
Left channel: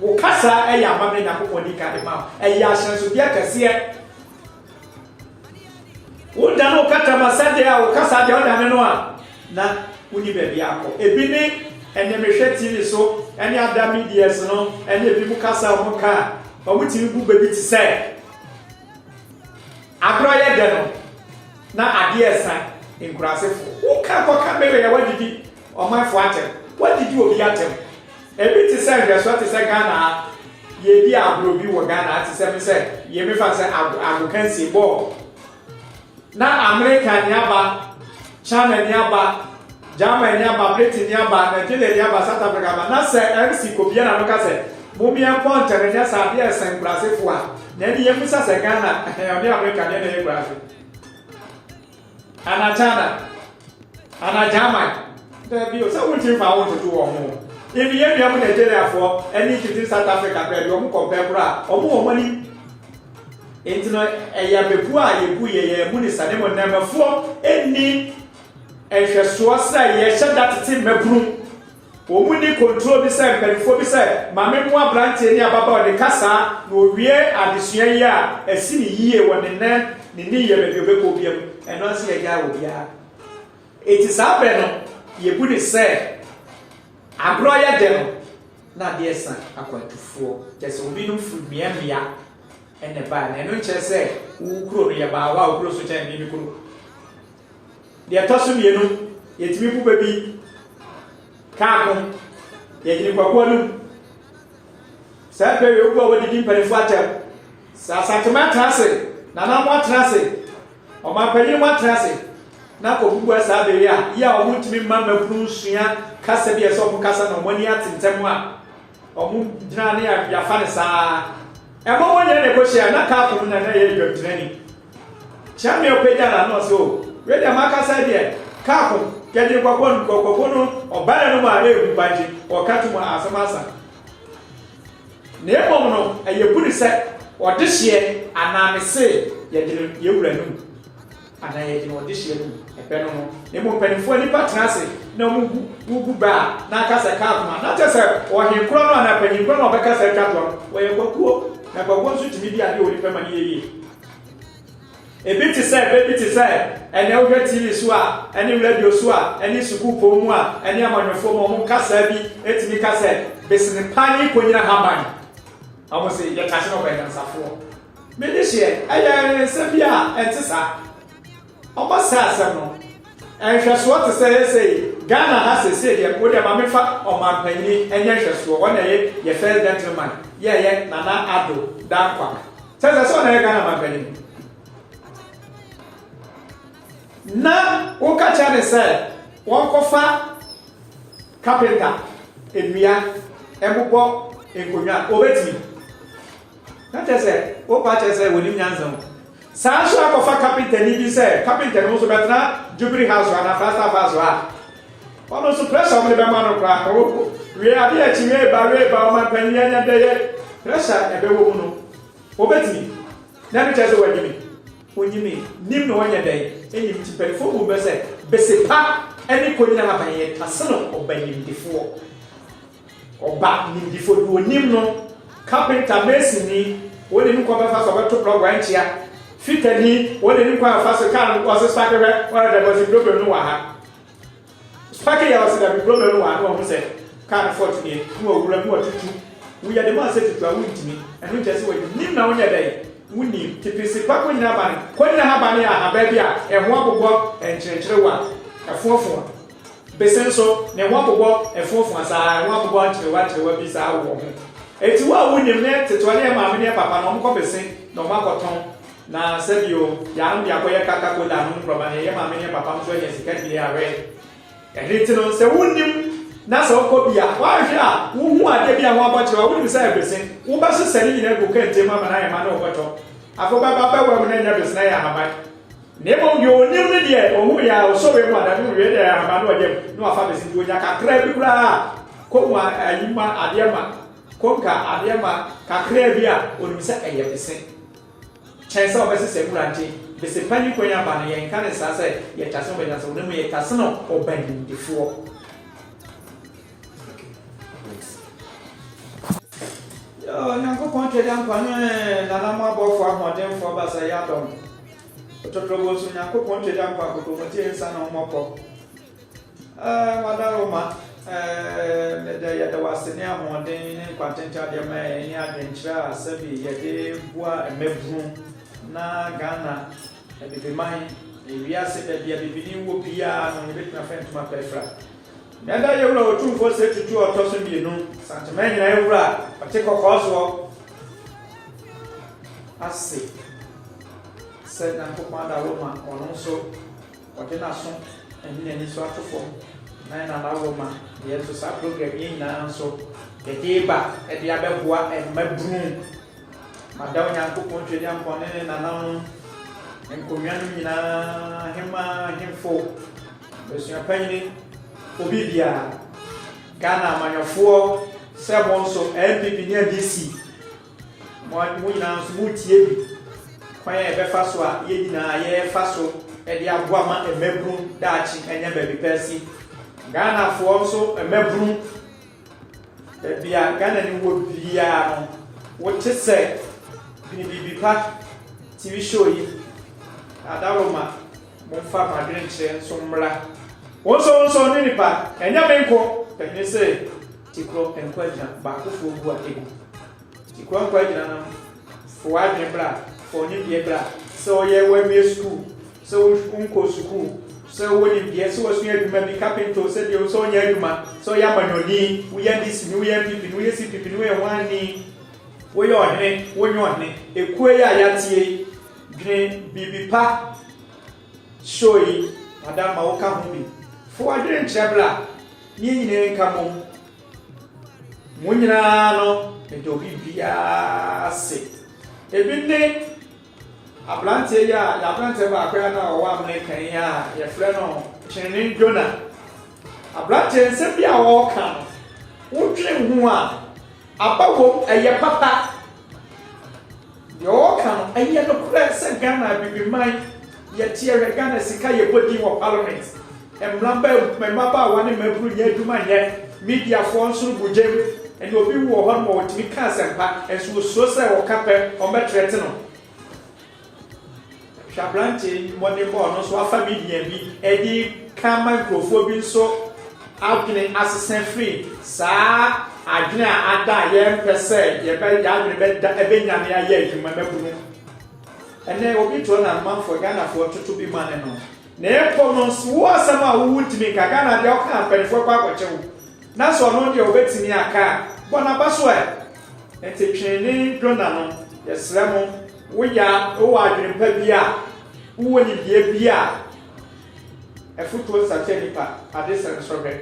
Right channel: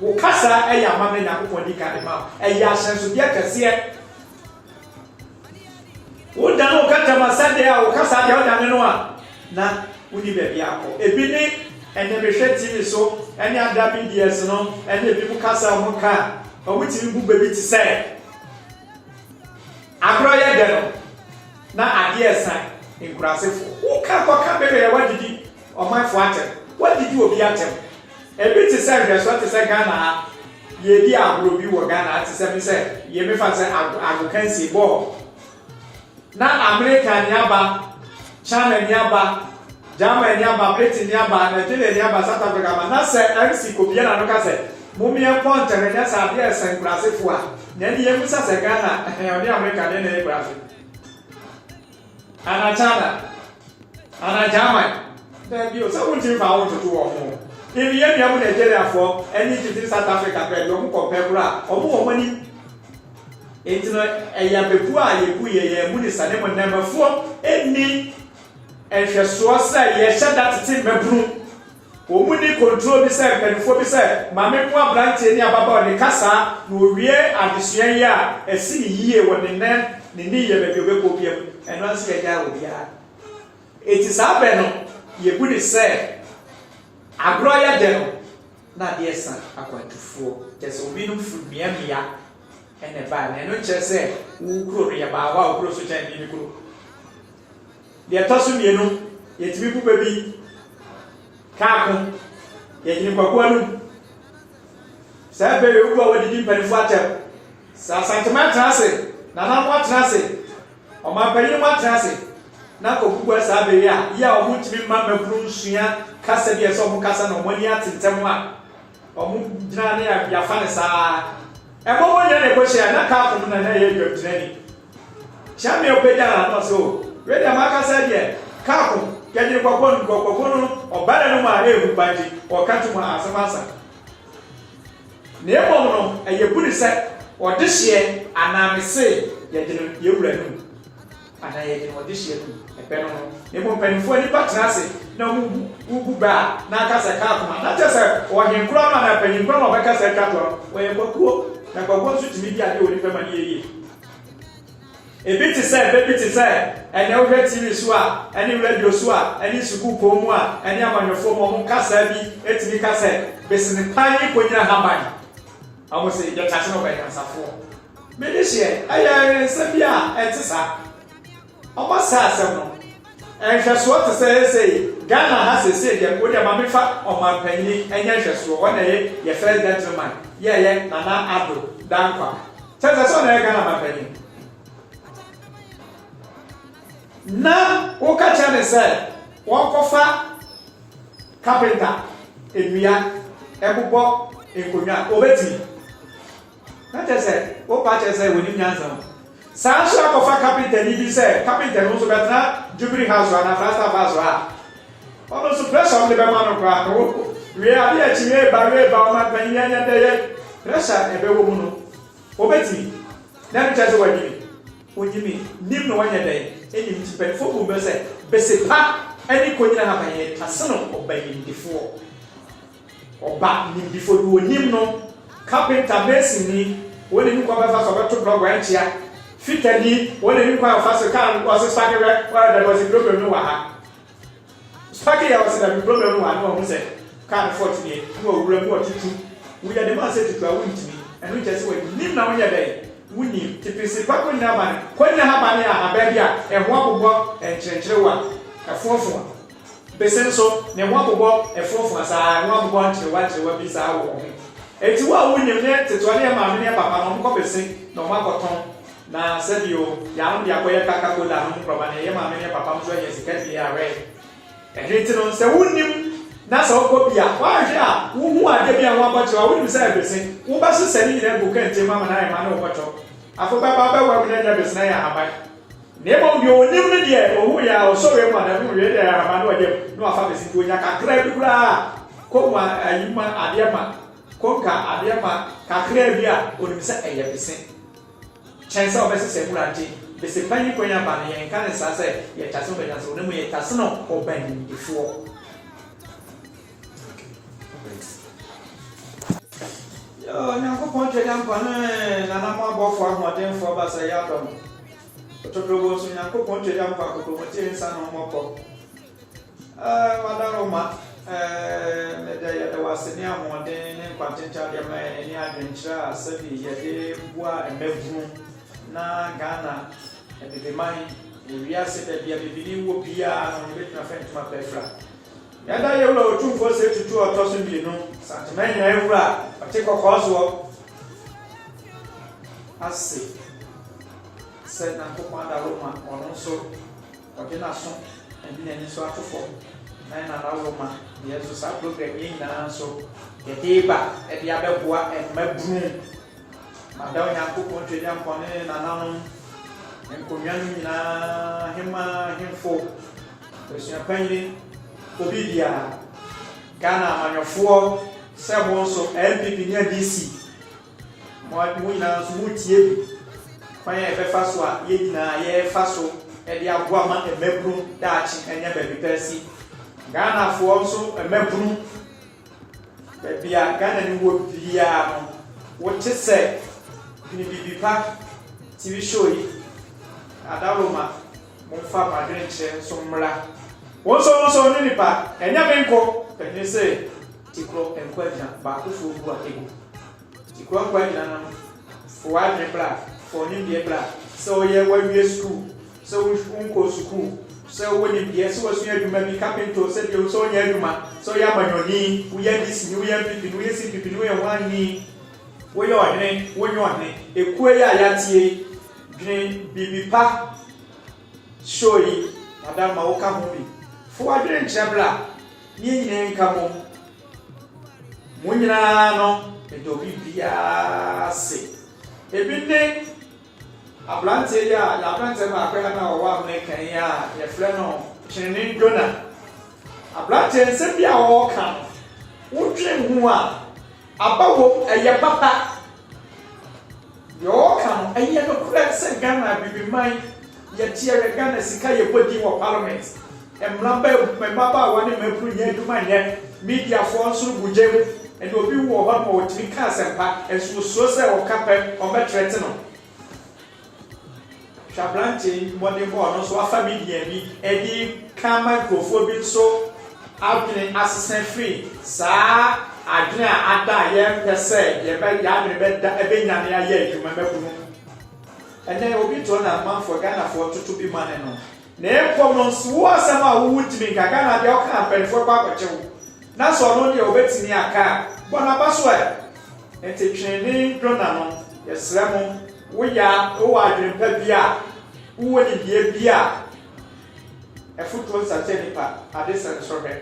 Okasa, a yaman Yaponica, a yasan to be a cassia. Would not cut a Massadia or Casa de Odanoa. Na, would you be apple? A bidding and the machine TV so, any other media, no, and the people Casa or car, or what you baby to say. Agroya Deno. Now, idea sign in Grassif. Who can't be what did you or my father? What did you be at him? A bit to say, that's what is a Ghana. Ye be a blue view of Ghana to 7 said, ye may fancy I can see ball. Now, America Yaba, China Yaba, Germany Yaba, Britain Yaba, Nigeria Yaba, South Africa, but not say, MC Copiana Lucas. Mumia Point and yes, I dare send Grassif one. Then you must say Ghana and the American in graphic. And a China and a German. There be so much if I want to do or more. If you have a Nigeria for any to South Africa, where you compare or more money. It's not a Yabua, Yabuya, Munis, and number 4, any and just so say, yes, shut that to my broom. Omuni control the same, and for the same, my memoir branch any about the Casa, no rear at the Sierra, a city year when the name, the year of your Becopium, and not see a guy with ya. It is our banner, ye bude say agro ya de no na de san akwatufo just obi no fu mia ene ba na no che say wo kuro no ye ba wa wo kuro so chen bi kuro de tosu mienu ye timi pupa bi kaako ye jini kwakwa no sa be yo wo wadi mpani fu atem sa santiment trase na na mo trase o ma pani mo trase na ko bubu sa be ya o mutimi mama kunu nsua kasa bi eso mo kasa na mo ni atentem a o mu gina ne ya fa ne sa e mo mo nya ne ko shia na kaako na na ye dwam training chame o peja na no so we de makasa de kaako kedi kwakwa no o bana no ma e hu banji o katu mo asamasa ne ebo no ayebuni se o de hye anamese ye de ye wura nu ana ye de o de hye nu e pe no ne mo panifo ni patrase na mu bu ba na kasa kaako na tese o henkro no na panikro no be kasa twato o ye kwakuo na kwakuo su timi bia de o ni pe mani ye ebi ti say baby ti say ene o hwe TV so a ene radio so a ene suku pomu a ene amanyofo mo kasa bi etimi kasa besini pani konya haban amo se ya tase no ba yansafo me de hye aya se bia etisa oba sa asem no hweso te say Ghana ha se ye ko de ma mefa o ma panini enya hweso o na ye first gentleman ye Nana Addo Dankwa tese so na Ghana ma panini na wo ka cha ne se won kofa carpenter enua ebobo enkonya obetimi na tese wo pa cha se woni nyanza sa so akofa carpenter ni bi se carpenter no so betra Jubilee House na Fasta Vaso a ono so pressure mo be ma no kwa wo we abi a chiwe ba o ma pan nyanya de ye pressure ebe wo mu no obetimi na mi cha se wajimi onyimi nim no wanya dai eni mtipel fo bo bese pa eni konyina na baye taseno obayindifo oba mindifo do nim no carpenter mason ni woni ni kwa fa so beto blog wa ntia fitani woni ni kwa fa so kan wa so spake wa da was problem no wa ha spake ya was da problem no wa no ho se kan fort ni no wura no tutu we ya de ma se tutu a wuntimi enu tese wo nim na wanya dai wuni tipisi kwako ni abane konya habane a ababi a eho abobo enkyerekyerewa efofo besenso ne ho abobo efofo sa eho abobo enkyerekyerewa bi sa wo ho eti wa wuni ne tetwane ya maame ne papa no mko besen no makoton na sebio ya ndi akoye kaka kola no mproba ne ya maame ne papa mso ye sikati ya we ehiti no se wunim na so ko bia wa hwe a wo hu ade bia ho abotwa wo nim say besen wo ba so sani nyina go kan temu ama na ya ma na oboto afo ba wa me na besen ya haba ne mo bi onim ne de o hu ya o so we ma na no we de ya haba no oje no afa besen do nya kakra bi kura ko ma ayuma ade ma ko ka ade ma kakra bi a onim say eye besen chance o besen se kurante besen pani ko nya ba ne yen kan sa say ye taso be nya so ne mo ye taso no oban before. Nyakopon twedam kwane na na mo abofo ahoden fo ba say adom otoprobo so nyakopon twedam kwa koto moti ensa na mo pọ wada roma me da ya da wasene ahoden kwantenta de ma eni adwenkyra asabi ye de bua emevunu na Ghana e de mai wi ase da bia bibini wo bia no ne betina friend ma pefra yada yewra otumfo se tutu otoso bienu sentiment na yewra patiko kozo ase se na ko kwanda Roma ono so odina so eni so atofo na Roma yeso sa program yin na so deba e dia beboa e mabunu madaw nya ko kontwe dia mpone na no enkonya nyina hema hemfo besu apanyini obi bia Ghana amanyofo srebon so MPP ne BC mo nyina so mutie bi kwanya ebe fa so a ye nyina ye fa so e dia boama emebru daachi enya ba bi pesi Ghana fo so emebru e bia Ghana ni wo bia no wo tese bi pa TV show yi adaroma mo fa madrenche so mra Wonso ni nipa enya menko penye se tikro enko agina ba ko fo bu akego tikro enko agina na fo adwe bra fo ni bie bra so ye wawie school so unko school so woni bie so wasu adwuma bi carpenter so de so nya adwuma so ya manyoni wo ya disi wo ya pipi wo ya si pipi wo ya wani wo ya ohne wo nyo ohne ekue ya yatie dwene bibi pa shoyi adama wo ka ho bi fo adwene nkyabla ni nyine nka mo mo nyina no edo bibia se ebinde ablante ya ablante ba akwa na wo amne kan ya ye frɛ no Chinene Jona ablante nse bia wo ka wo twe hu a abawo eye papa yo ka no eye no kura se Ghana bibiman ye tie Ghana sika ye bodi wo parliament Mamba one member Yaduma media phones would jam and you'll be one more to be cast and so say or capper or better retinal. Shablanti, one day born, so a family, Eddie, Kama, Grofobin, so out in assistant free. Sa, I do not die, per se, ye better yard bed, a benyan, ye, you remember. And then will be drawn a month for Ghana for to be man. Ne commons was sama would me Ghana de oka pen for papa chew. Na so no de obetimi aka. Bona baso e. Enti twene dona no. Yesremo wo ya wo adwene pa bia. Wo ni bia bia. E futuo sa chenipa adesen sobe.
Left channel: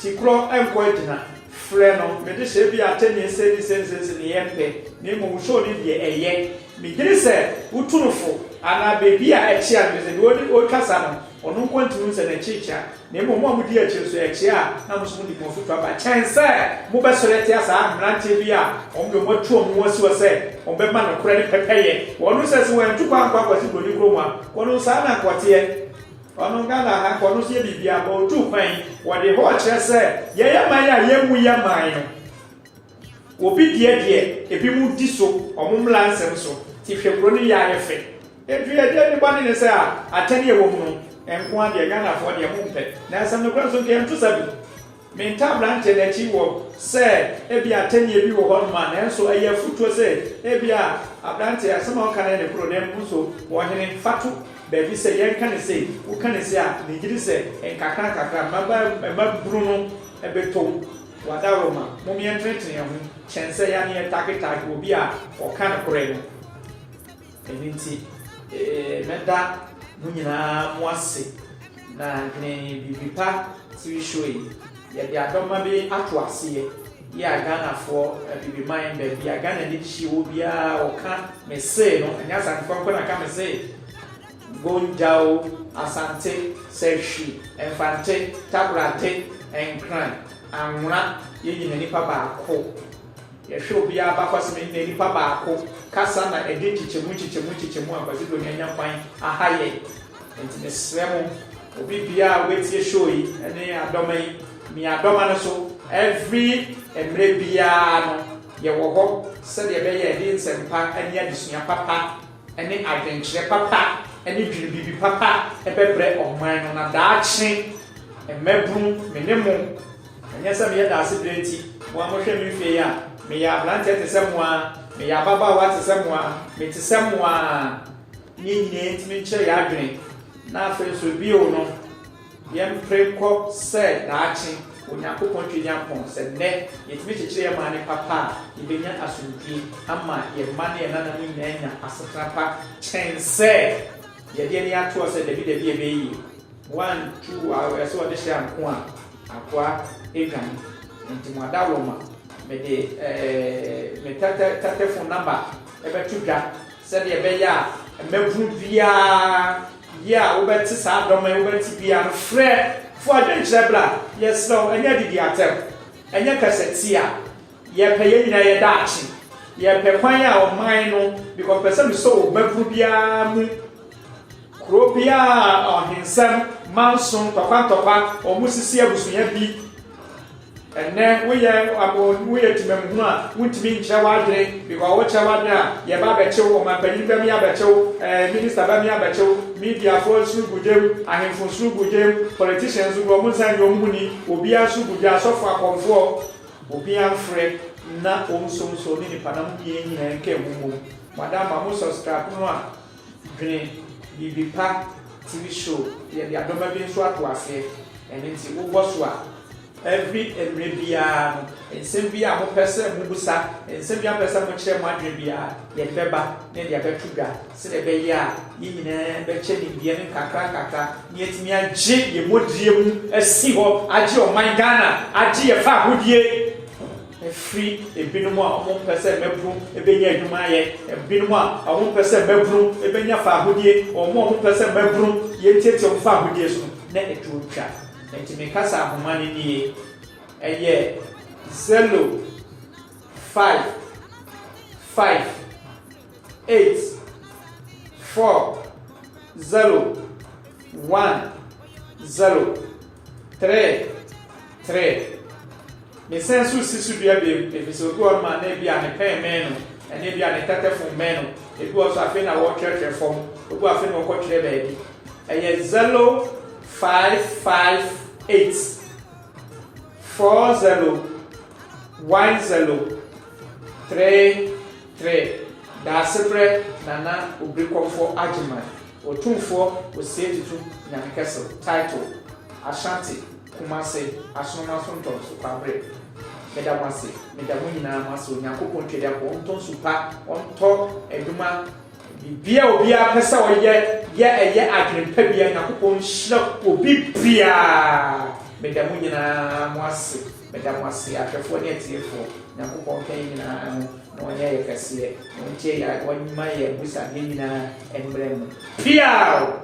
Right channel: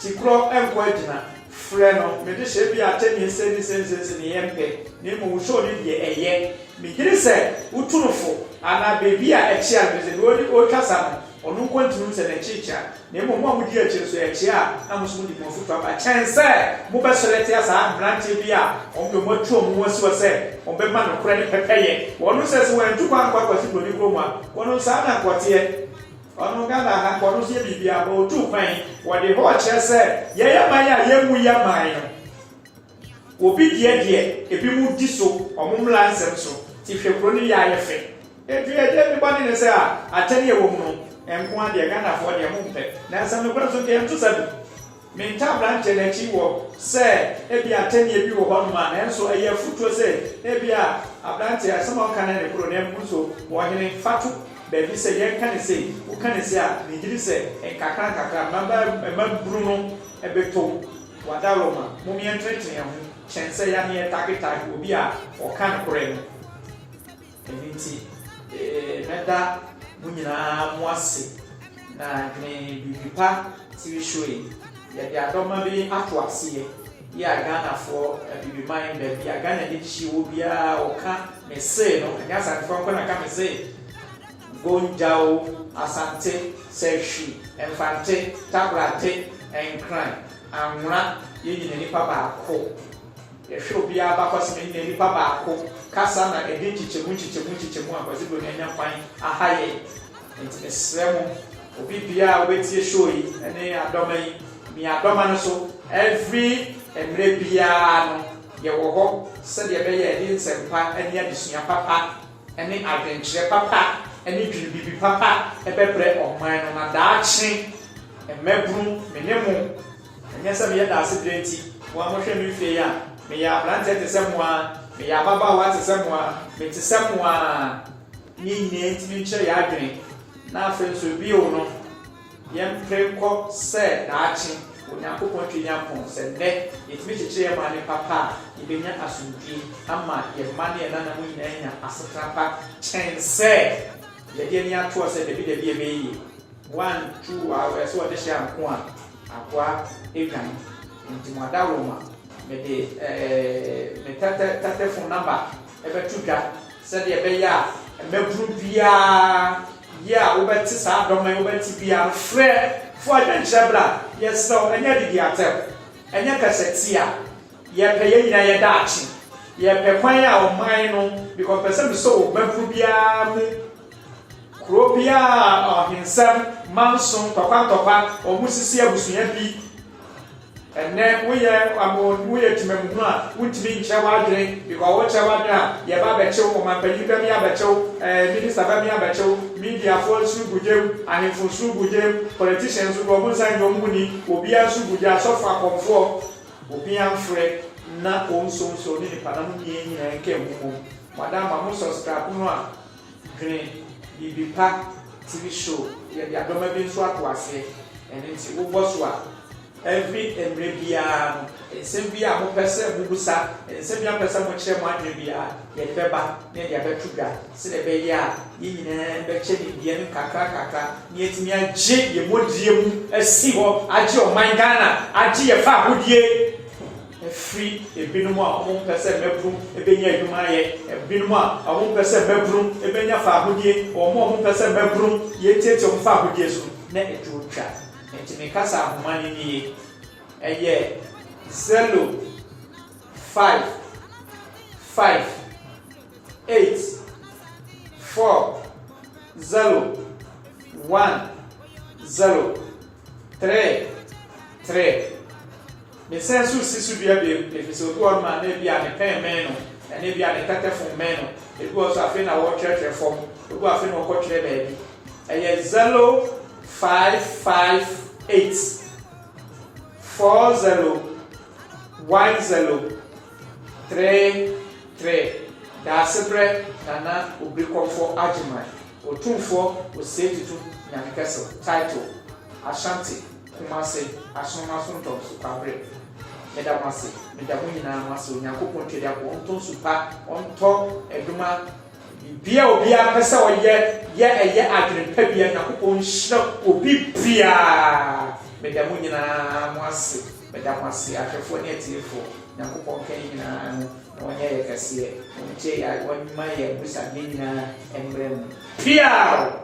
Tikro enko agina. Frɛ no me de hye bia atani sense ne yempe. Ne mo show ni de eye. Me gire sɛ utunufo ana bebi a echi a me se o kasa no onu kontinu se na chicha na mo mo di echi so echi a na mo so di mo futu aba chance mo be sorete asa brante bi a o mo mo tuo mo si wo se o be ma no kura ni pepeye wonu se se wan tu kwa kwati bodi kro mu a wonu sa na kwote onu Ghana ha kwonu se bibi a bo tu kwan wo de ho kire se ye ya man ya ye mu ya man obi die ebi mu di so omumla nsem so ti hwekro ni ya ye fe edu ye de bani ne se a atani e wo mu no enko ade Ghana fo de mu mpe na nsem no kra so ke ntu sabi menta branche na chi wo se ebi atani e bi wo ho no ma na enso eye futuo se ebi a branche asema on kan ne pro na mu so wo hene fatu bebi se ye kan se wo kan se a ni gidi se enkakra maba bruno ebeto wada Roma mo mi entreten ho chense ya ne target obi a o kan kore no evinti meda munyina mo ase na gne bibipa TV show yi ya dia doma bi ato ase ya Ghana for bibiman be ya Ghana di chi obi a o ka me say no nya san ko na ka me say gonjao asante seshi enfante tabrate enkran anwura yeyi ne nipa ba ko ye hwe bia ba kwase me ne nipa ba ko kasa na edi chichemu akwase do nyanya kwan ahaye enti ne sremo obi bia wetie show yi ene adoma yi mi adoma no so every emre bia no ye wo ho se de be ye di nsempa ani adesua papa ene adventure papa ene dwiribi papa ebebre oman no na daachi emebru menemo anya se me ye da ase brenti wo amohwe mi fie ya me ya blante te se moa me ya baba wa te se moa me te se moa nyine ntimi nche ya adwen na afen so bi o no yem preko se daachi onyankopon twenya pon se ne yetimi cheche ya mane papa ibenya asumpi ama ye mane na na nyanya asekrapa chense ye de ni ato se de bi ebeyi 1 2 hours so de share nko a akwa egan ntimo adawoma me de me tata phone number ebe tuga se de ebe ya mebru bia ya obeti sa adoma obeti bia frɛ fo adwenkyebra yes no anya didi atem anya kasetia ye peye nyina ye daachi ye pe kwan a o man no because person so mebru bia mu kro bia ohensam manson papa o musisi abusunya bi and then we are Timamuna, would be Chawadre, because what Chawadra, Yabacho, Mampani Bacho, Minister Bamia Bacho, media for Subudem, and for Subudem, politicians who will send your money, will be a Subuja, so far comfort, will be unfree, not also so many Panamanian and Kemu. Madame Amusos Capua, Green, Yibipa, TV show, the Adomabin Swatwase, and it's Uboswa. Every Rebia, and Sylvia, who person Mubusa, and Sylvia person will share my Rebia, yet Beba, near the Betuga, Sedebeya, Yin, Betcheni, Yen, Kaka, yet me a J, ye would you a seagull, Aji, my Ghana, Aji, a far would ye. Free a binuma, 1% bedroom, a benya Dumaye, a binuma, a 1% bedroom, a benya Fabudier, or more 1% bedroom, yet take your Fabudiers, net to chat. And to make us have money, a year, 0, 5, 8, 4, 0, 1, 0, 3. Me sense to see to be a bit, if you go on my maybe an a pen man, and maybe an attacker from men. It was a thing I watch church from, it was a thing of watch baby. A year 0, 5, 8, 4, 0, 1, 0, 3. That's a bread, Nana will be called for Ajimai, or 2 4 will say to Nankastle, title, Ashanti. Kumase, Asoma Sonton, Supabre, Medamasi, Medamina, Maso, Yakupo, Tedapon, Supa, on top, Eduma, Bia, Pesa, or yet, I can pay a Yakupon shop will be Pia, Medamina, Masi, Medamasi, I have 4 years for Yakupon came no hair, Cassia, no Jay, I want my Musa, and Brem. Pia!